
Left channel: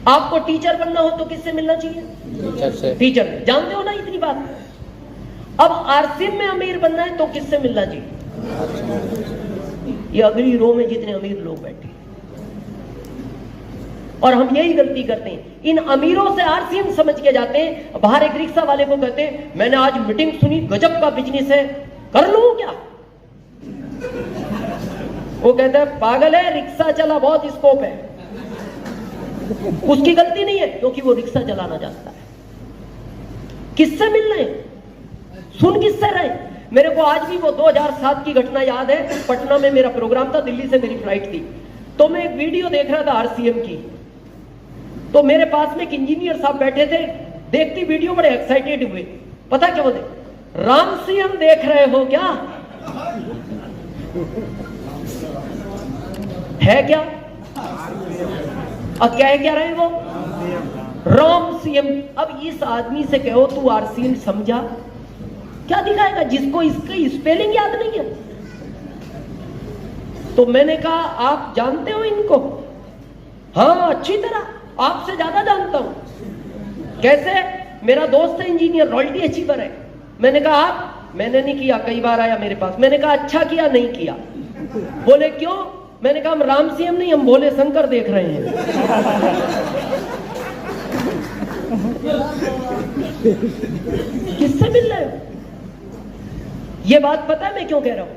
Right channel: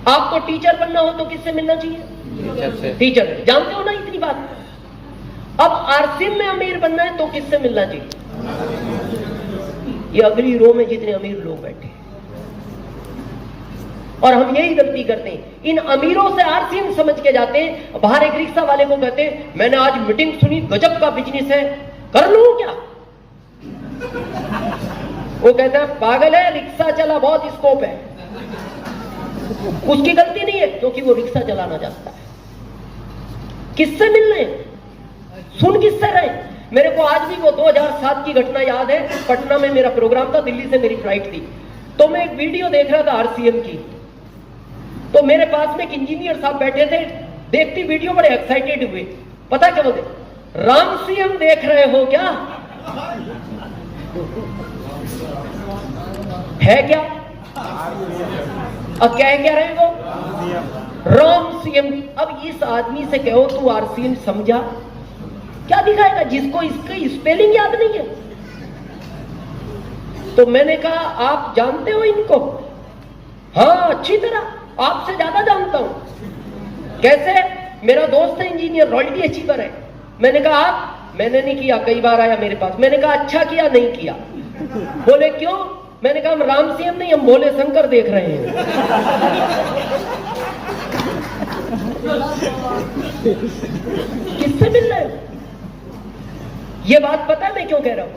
आपको टीचर बनना हो तो किससे मिलना चाहिए? टीचर से। टीचर। जानते हो ना इतनी बात? अब आरसीएम में अमीर बनना है तो किससे मिलना चाहिए? ये अगली रो में जितने अमीर लोग बैठे, और हम यही गलती करते हैं, इन अमीरों से आरसीएम समझ के जाते हैं। बाहर एक रिक्शा वाले को कहते हैं मैंने आज मीटिंग सुनी, गजब का बिजनेस है, कर लूं क्या? वो कहता है पागल है, रिक्शा चला, बहुत स्कोप है। उसकी गलती नहीं है क्योंकि वो रिक्शा चलाना जानता है। किससे मिलने? सुन किससे रहे? मेरे को आज भी वो 2007 की घटना याद है। पटना में मेरा प्रोग्राम था, दिल्ली से मेरी फ्लाइट थी, तो मैं एक वीडियो देख रहा था आरसीएम की। तो मेरे पास में एक इंजीनियर साहब बैठे थे, देखती वीडियो बड़े एक्साइटेड हुए। पता क्या बोलते? राम सीएम देख रहे हो क्या? है क्या? अब क्या रहे वो? राम सीएम। अब इस आदमी से कहो तू आरसीएम समझा, क्या दिखाएगा जिसको इसका स्पेलिंग याद नहीं है? तो मैंने कहा आप जानते हो इनको? हाँ अच्छी तरह, आपसे ज्यादा जानता हूं। कैसे? मेरा दोस्त है इंजीनियर, रॉयल्टी अचीवर है। मैंने कहा आप? मैंने नहीं किया, कई बार आया मेरे पास। मैंने कहा अच्छा किया नहीं किया। बोले क्यों? मैंने कहा हम राम सीएम नहीं, हम भोले शंकर देख रहे हैं। किससे मिल रहे हैं? ये बात पता है मैं क्यों कह रहा हूं?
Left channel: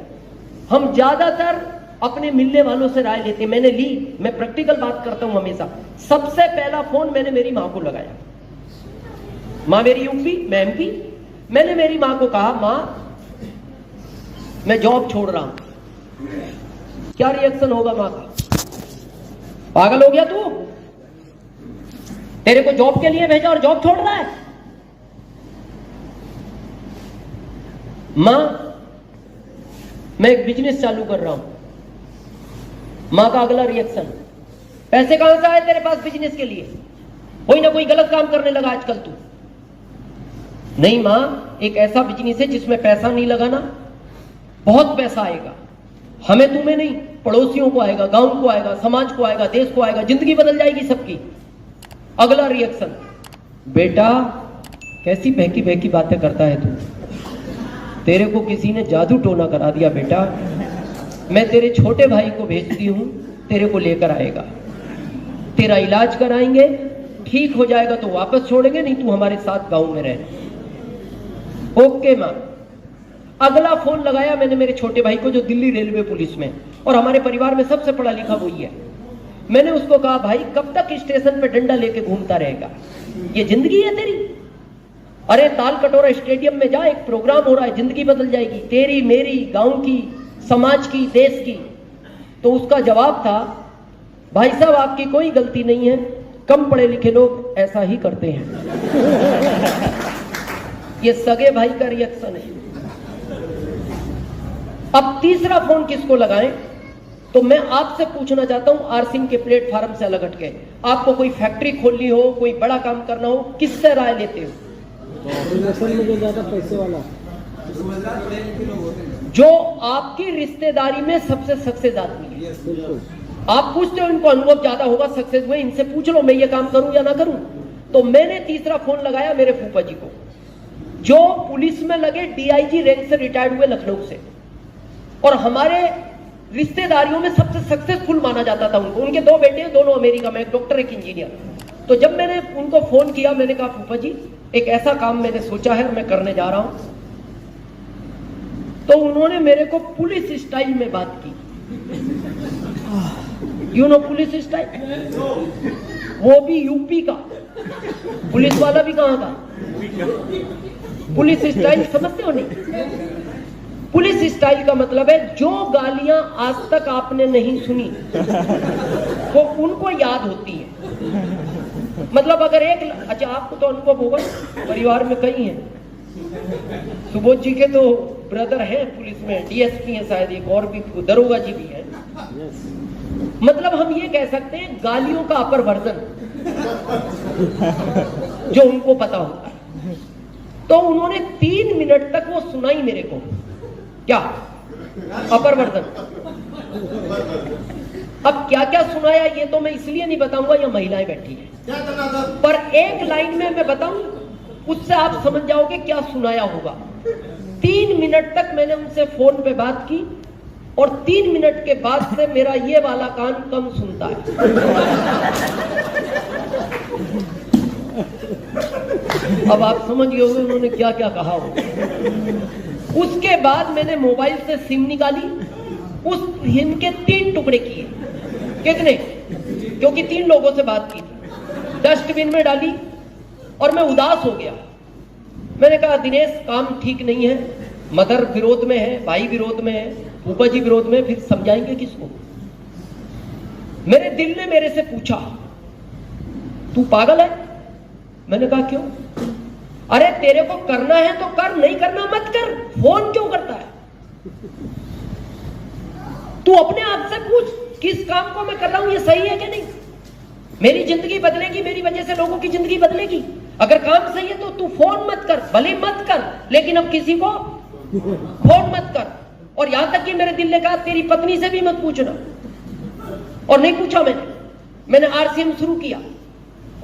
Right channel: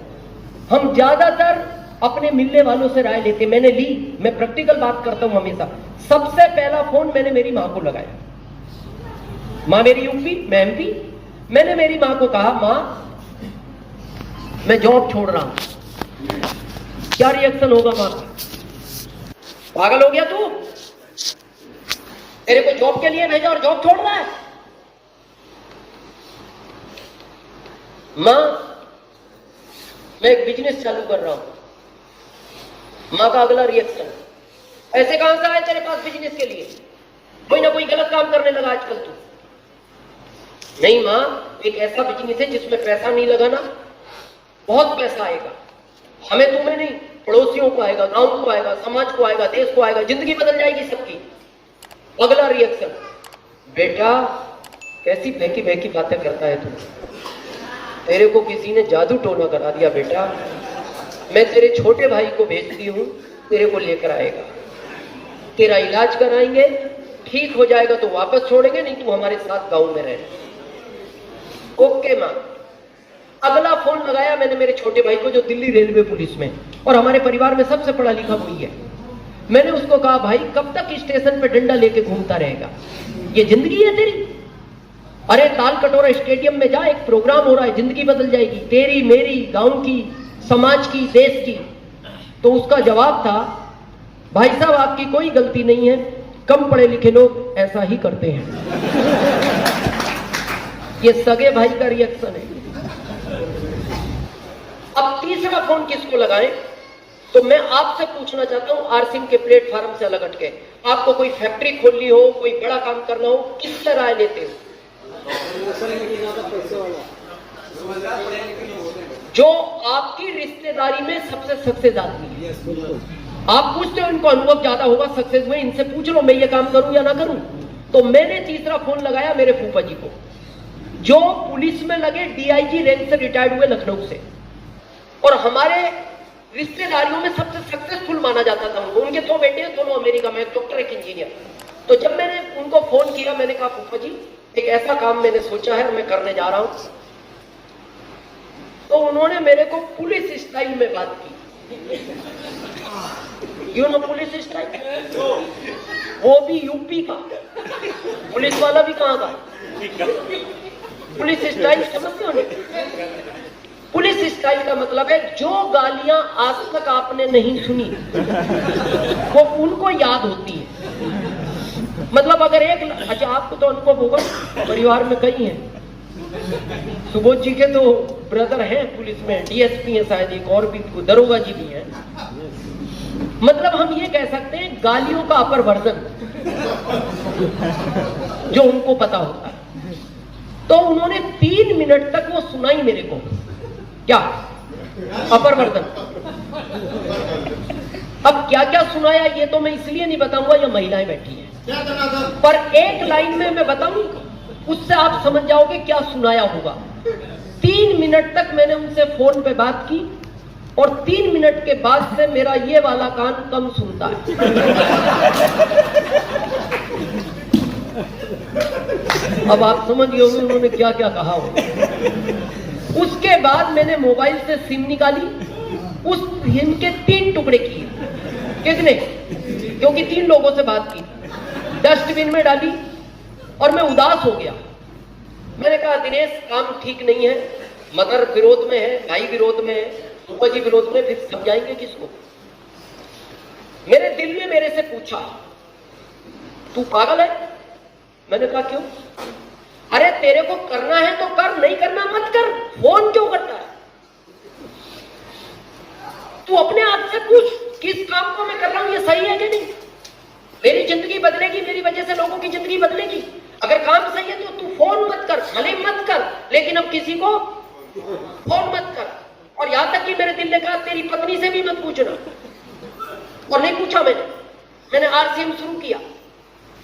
हम ज्यादातर अपने मिलने वालों से राय लेते। मैंने ली, मैं प्रैक्टिकल बात करता हूं हमेशा। सबसे पहला फोन मैंने मेरी मां को लगाया। मां मेरी यूपी, मैं एमपी। मैंने मेरी मां को कहा मां मैं जॉब छोड़ रहा हूं। क्या रिएक्शन होगा मां? पागल हो गया तू? तेरे को जॉब के लिए भेजा और जॉब छोड़ रहा है? मां मैं एक बिजनेस चालू कर रहा हूं। मां का अगला रिएक्शन, पैसे कहां से आए तेरे पास बिजनेस के लिए? कोई ना कोई गलत काम करने लगा आजकल तू। नहीं मां, एक ऐसा बिजनेस है जिसमें पैसा नहीं लगाना, बहुत पैसा आएगा, हमें तुम्हें नहीं, पड़ोसियों को आएगा, गांव को आएगा, समाज को आएगा, देश को आएगा, जिंदगी बदल जाएगी सबकी। अगला रिएक्शन, बेटा कैसी बहकी बहकी बातें करता है तू, तेरे को किसी ने जादू टोना करा दिया बेटा, मैं तेरे छोटे भाई को भेजती हूं, तेरे को लेकर आएगा, तेरा इलाज कराएंगे, ठीक हो जाएगा तो वापस छोड़ेंगे, नहीं तू हमारे साथ गांव में रह। ओके मां। अगला फोन लगाया मैंने मेरे छोटे भाई को जो दिल्ली रेलवे पुलिस में, और हमारे परिवार में सबसे पढ़ा लिखा वही है। मैंने उसको कहा भाई कब तक स्टेशन पे डंडा लेके घूमता रहेगा, ये जिंदगी है तेरी? अरे ताल कटोरा स्टेडियम में जा, एक प्रोग्राम हो रहा है, जिंदगी बदल जाएगी तेरी, मेरी, गांव की, समाज की, देश की। तो उसका जवाब था, भाई साहब आपकी कोई गलती नहीं है, कम पढ़े लिखे लोग ऐसा ही करते हैं। ये सगे भाई का रिएक्शन है। अब तीसरा फोन किसको लगाएं? तो मैं आपसे पूछना चाहता हूं, आरसीएम के प्लेटफार्म से अलग हटके, आपको कोई फैक्ट्री खोलनी हो, कोई बड़ा काम करना हो, किससे राय लेते हो? पैसे वाला जो आपकी रिश्तेदारी में सबसे सक्सेस आदमी है। आप पूछते हो इनको अनुभव ज्यादा होगा सक्सेस में, इनसे पूछ लो मैं ये काम करूं या ना करूं। तो मैंने तीसरा फोन लगाया मेरे फूफा जी को, जो पुलिस में लगे डीआईजी रैंक से रिटायर्ड हुए लखनऊ से, और हमारे रिश्तेदारियों में सबसे सक्सेसफुल माना जाता था उनको। उनके 2 बेटे हैं, दोनों अमेरिका में, एक डॉक्टर एक इंजीनियर। तो जब मैंने उनको फोन किया, मैंने कहा फूफा जी एक ऐसा काम मैंने सोचा है, मैं करने जा रहा हूं। तो उन्होंने मेरे को पुलिस स्टाइल में बात की, यू नो पुलिस स्टाइल, वो भी यूपी का पुलिस वाला भी कहां का, पुलिस स्टाइल समझते हो नहीं? पुलिस स्टाइल का मतलब है जो गालियां आज तक आपने नहीं सुनी वो उनको याद होती है। मतलब अगर एक, अच्छा आपको तो अनुभव होगा, परिवार में कई हैं, सुबोध जी के तो ब्रदर हैं पुलिस में, डीएसपी हैं शायद, एक और भी दरोगा जी भी हैं। मतलब हम ये कह सकते हैं गालियों का अपर वर्जन जो उनको पता होता है। तो उन्होंने 3 मिनट तक वो सुनाई मेरे को, क्या अपर वर्जन। अब क्या क्या सुनाया ये तो मैं इसलिए नहीं बताऊंगा, ये महिलाएं बैठी हैं, पर एक लाइन में मैं बताऊं, उससे आप समझ जाओगे क्या सुनाया होगा। 3 मिनट तक मैंने उनसे फोन पे बात की, और 3 मिनट के बाद से मेरा ये वाला कान कम सुनता है। अब आप समझ गए होंगे उन्होंने क्या क्या कहा हो। उसके बाद मैंने मोबाइल से सिम निकाली, उस सिम के 3 टुकड़े किए। कितने? क्योंकि 3 लोगों से बात की, डस्टबिन में डाली, और मैं उदास हो गया। मैंने कहा दिनेश काम ठीक नहीं है, मदर विरोध में है, भाई विरोध में है, फूफा जी विरोध में, फिर समझाएंगे किसको? मेरे दिल ने मेरे से पूछा तू पागल है? मैंने कहा क्यों? अरे तेरे को करना है तो कर, नहीं करना मत कर, फोन क्यों करता है? तू अपने आप से पूछ किस काम को मैं कर रहा हूं, ये सही है कि नहीं? मेरी जिंदगी बदलेगी, मेरी वजह से लोगों की जिंदगी बदलेगी। अगर काम सही है तो तू फोन मत कर, भले मत कर, लेकिन अब किसी को फोन मत कर। और यहां तक कि मेरे दिल ने कहा तेरी पत्नी से भी मत पूछना, और नहीं पूछा मैंने आरसीएम शुरू किया।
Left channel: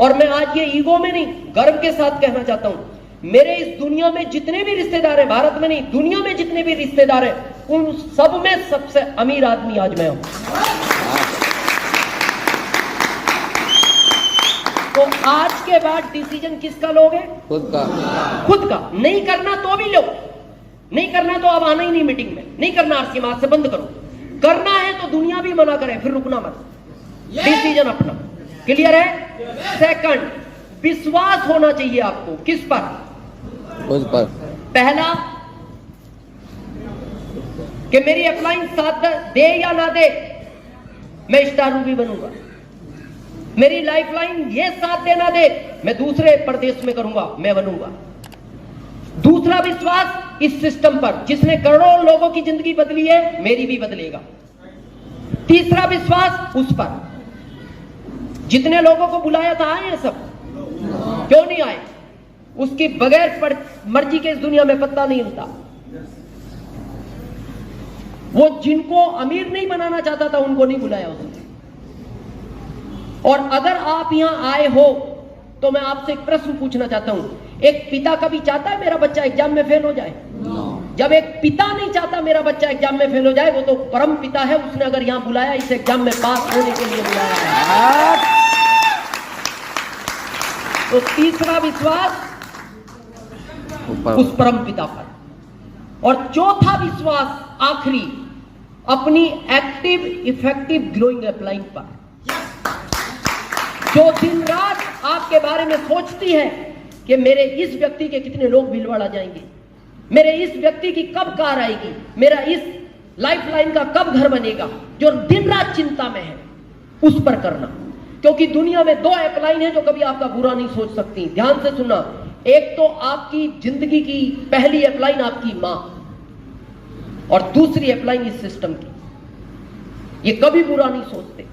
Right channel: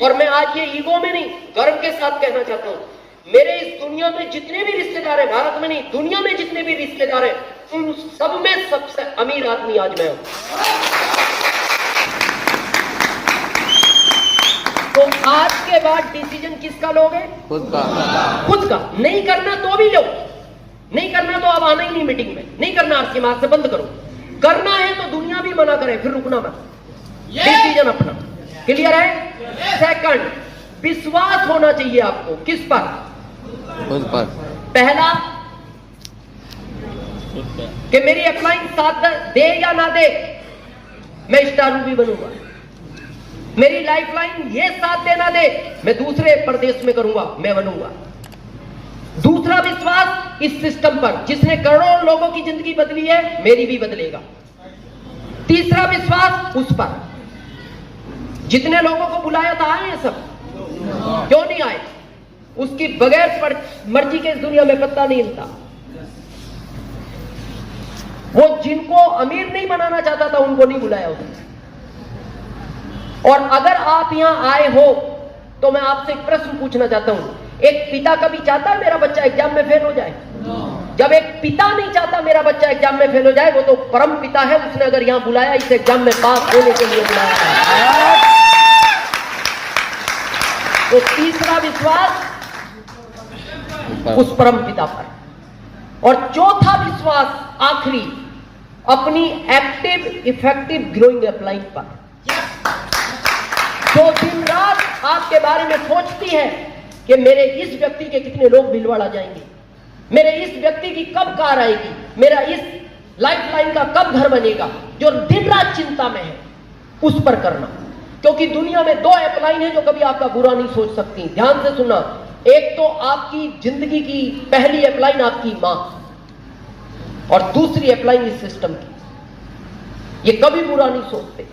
और मैं आज ये ईगो में नहीं, गर्व के साथ कहना चाहता हूं, मेरे इस दुनिया में जितने भी रिश्तेदार हैं, भारत में नहीं दुनिया में जितने भी रिश्तेदार हैं, उन सब में सबसे अमीर आदमी आज मैं हूं। तो आज के बाद डिसीजन किसका लोगे? खुद का। खुद का। नहीं करना तो भी लो, नहीं करना तो अब आना ही नहीं मीटिंग में, नहीं करना आरसीएम आज से बंद करो। करना है तो दुनिया भी मना करे, फिर रुकना मत, डिसीजन अपना। क्लियर है? सेकंड, विश्वास होना चाहिए आपको किस पर? खुद पर। पहला कि मेरी अपलाइन साथ दे या ना दे, मैं स्टार मूवी बनूंगा। मेरी लाइफलाइन ये साथ देना दे, मैं दूसरे प्रदेश में करूंगा, मैं बनूंगा। दूसरा विश्वास इस सिस्टम पर जिसने करोड़ों लोगों की जिंदगी बदली है, मेरी भी बदलेगा। तीसरा विश्वास उस पर। जितने लोगों को बुलाया था आए हैं सब? क्यों नहीं आए? उसकी बगैर मर्जी के इस दुनिया में पत्ता नहीं हिलता। वो जिनको अमीर नहीं बनाना चाहता था उनको नहीं बुलाया उसने। और अगर आप यहां आए हो तो मैं आपसे एक प्रश्न पूछना चाहता हूं, एक पिता कभी चाहता है मेरा बच्चा एग्जाम में फेल हो जाए? जब एक पिता नहीं चाहता मेरा बच्चा एग्जाम में फेल हो जाए, वो तो परम पिता है, उसने अगर यहां बुलाया इस एग्जाम में पास होने के लिए बुलाया है। तो तीसरा विश्वास उस परम पिता पर। और चौथा विश्वास आखिरी अपनी एक्टिव इफेक्टिव ग्रोइंग अपलाइन पर, जो दिन रात आपके बारे में सोचती है कि मेरे इस व्यक्ति के कितने लोग भीलवाड़ा जाएंगे, मेरे इस व्यक्ति की कब कार आएगी, मेरा इस लाइफ लाइन का कब घर बनेगा, जो दिन रात चिंता में है, उस पर करना। क्योंकि दुनिया में दो अपलाइन है जो कभी आपका बुरा नहीं सोच सकती। ध्यान से सुनना, एक तो आपकी जिंदगी की पहली अपलाइन आपकी मां, और दूसरी अपलाइन इस सिस्टम की। ये कभी बुरा नहीं सोचते।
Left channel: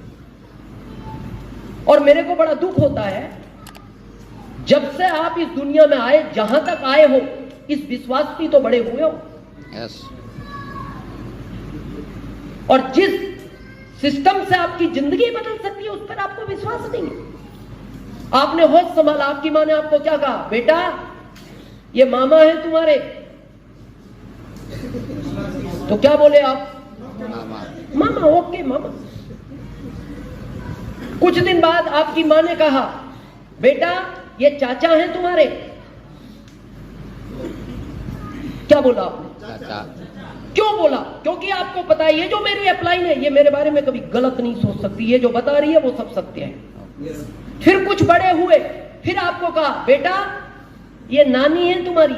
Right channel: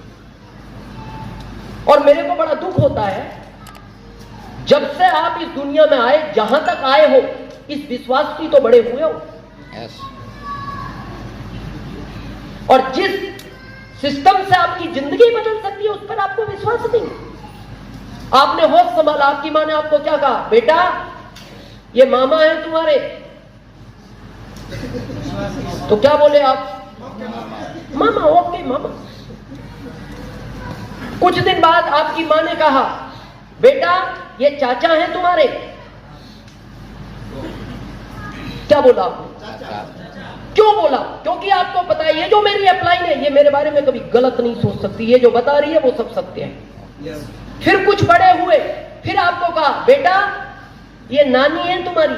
और मेरे को बड़ा दुख होता है जब से आप इस दुनिया में आए, जहां तक आए हो इस विश्वास की तो बड़े हुए हो। yes. और जिस सिस्टम से आपकी जिंदगी बदल सकती है उस पर आपको विश्वास नहीं। आपने होश संभाला, आपकी मां ने आपको क्या कहा, बेटा ये मामा है तुम्हारे, तो क्या बोले आप, मामा, ओके मामा। कुछ दिन बाद आपकी मां ने कहा, बेटा ये चाचा हैं तुम्हारे, क्या बोला आपने? क्यों बोला? क्योंकि आपको पता है ये जो मेरी अपलाइन है ये मेरे बारे में कभी गलत नहीं सोच सकती, ये जो बता रही है वो सब सत्य है। फिर कुछ बड़े हुए, फिर आपको कहा, बेटा ये नानी है तुम्हारी,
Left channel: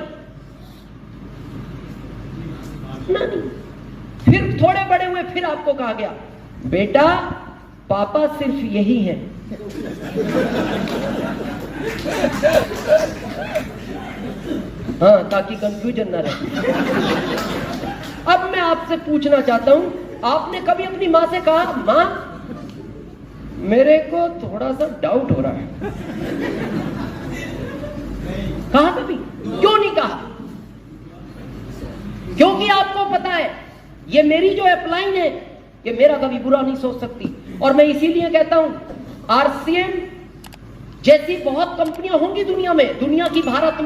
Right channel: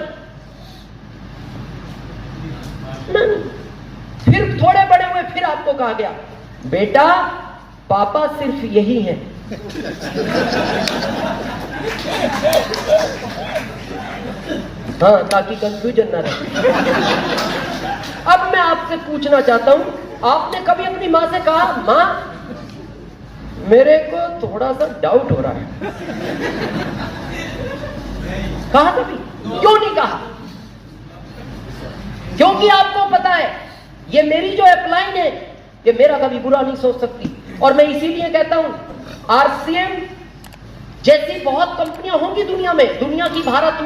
नानी। फिर थोड़े बड़े हुए, फिर आपको कहा गया, बेटा पापा सिर्फ यही है। हाँ, ताकि कंफ्यूजन ना रहे। अब मैं आपसे पूछना चाहता हूं, आपने कभी अपनी मां से कहा, मां मेरे को थोड़ा सा डाउट हो रहा है? कहा कभी? क्यों नहीं कहा? क्योंकि आपको पता है ये मेरी जो अपलाइन है ये मेरा कभी बुरा नहीं सोच सकती। और मैं इसीलिए कहता हूं, आरसीएम जैसी बहुत कंपनियां होंगी दुनिया में, दुनिया की भारत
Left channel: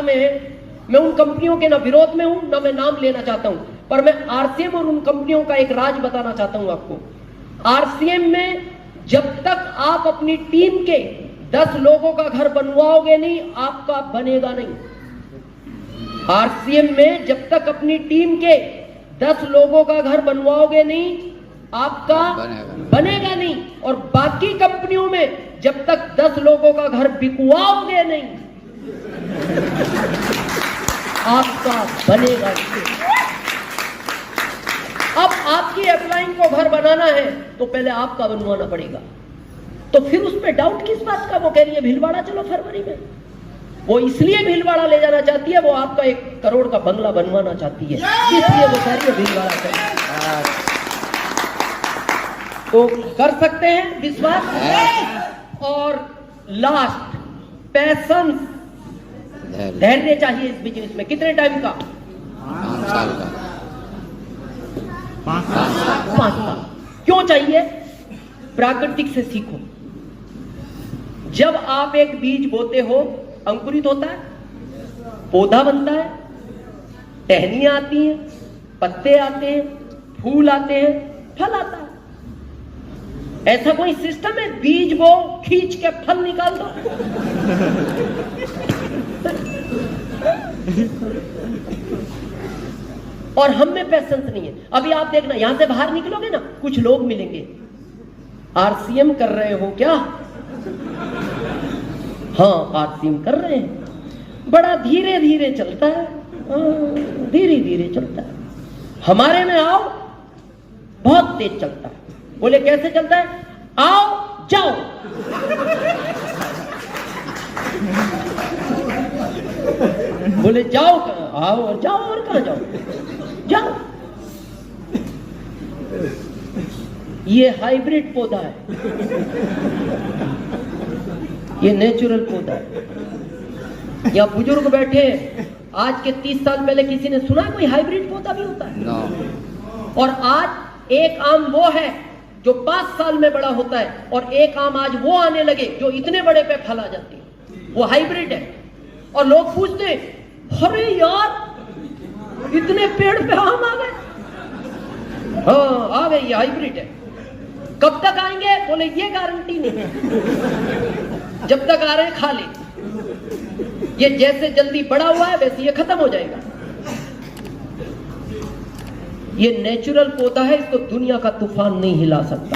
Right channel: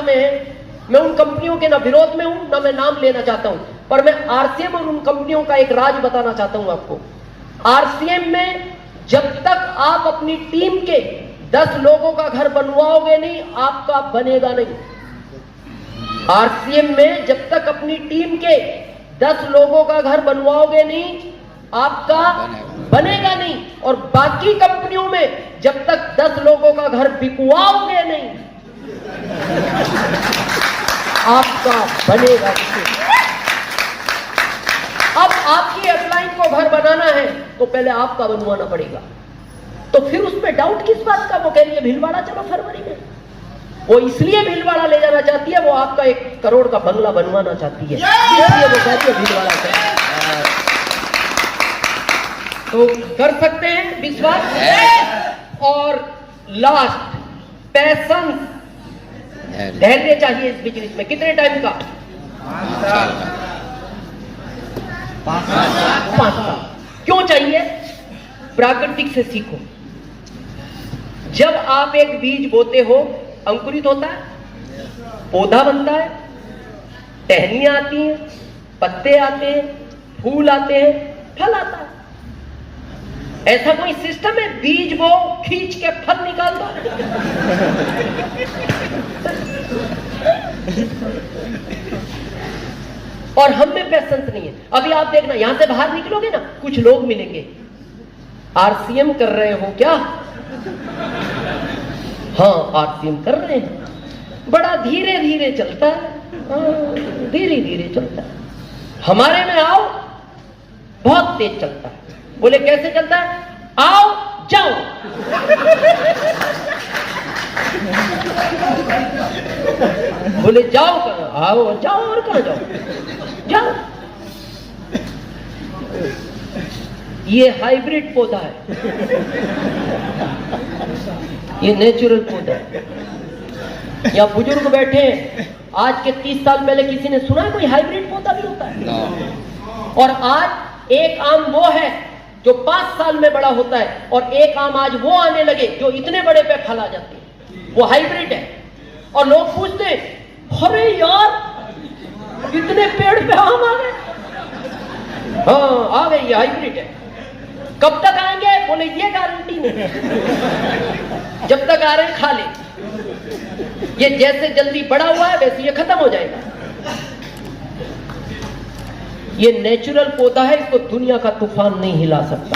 में है। मैं उन कंपनियों के ना विरोध में हूं, ना मैं नाम लेना चाहता हूं, पर मैं आरसीएम और उन कंपनियों का एक राज बताना चाहता हूं आपको। आरसीएम में जब तक आप अपनी टीम के 10 लोगों का घर बनवाओगे नहीं, आपका बनेगा नहीं। आरसीएम में जब तक अपनी टीम के 10 लोगों का घर बनवाओगे नहीं, आपका बनेगा नहीं। और बाकी कंपनियों में जब तक 10 लोगों का घर बिकवाओगे नहीं, आपका बनेगा। अब आपकी अपलाइन को घर बनाना है तो पहले आपका बनवाना पड़ेगा। तो फिर उसमें डाउट किस बात का? वो कह रही है भीलवाड़ा चलो फरवरी में। वो इसलिए भीलवाड़ा ले जाना चाहती है, वो आपका 1 करोड़ का बंगला बनवाना चाहती है, इसलिए वो कह रही है भीलवाड़ा चलो। तो कर सकते हैं विश्वास। और लास्ट, पैशंस, धैर्य चाहिए इस बिजनेस में। कितने टाइम का? 5 साल। क्यों चाहिए? प्राकृतिक से सीखो। जब आप एक बीज बोते हो, अंकुरित होता है, पौधा बनता है, टहनियां आती हैं, पत्ते आते हैं, फूल आते हैं, फल आता है। ऐसा कोई सिस्टम है बीज बो खींच के फल निकालता है? और हम में पैशंस नहीं है। अभी आप देखना, यहां से बाहर निकलोगे ना, कुछ लोग मिलेंगे, आरसीएम कर रहे हो क्या? हाँ, आरसीएम कर रहे हैं, बड़ा धीरे धीरे चलता है, धीरे धीरे चलता है। हमारे में आओ, बहुत तेज चलता है। बोले कैसे चलता है? आओ जाओ। बोले जाओ कहां? आओ जाओ। और कहां जाओ? जाओ। ये हाइब्रिड पौधा है, ये नेचुरल पौधा है। यहाँ बुजुर्ग बैठे हैं, आज के 30 साल पहले किसी ने सुना कोई हाइब्रिड पौधा भी होता है? और आज एक आम वो है जो 5 साल में बड़ा होता है, और एक आम आज वो आने लगे जो इतने बड़े पे फल आ जाते हैं, वो हाइब्रिड है। और लोग पूछते हैं अरे यार इतने पेड़ पे आम आ गए। हाँ आ गए, ये हाइब्रिड है। कब तक आएंगे? बोले ये गारंटी नहीं, जब तक आ रहे हैं खा ले। ये जैसे जल्दी बड़ा हुआ है वैसे ये खत्म हो जाएगा। ये नेचुरल पौधा है, इसको दुनिया का तूफान नहीं हिला सकता।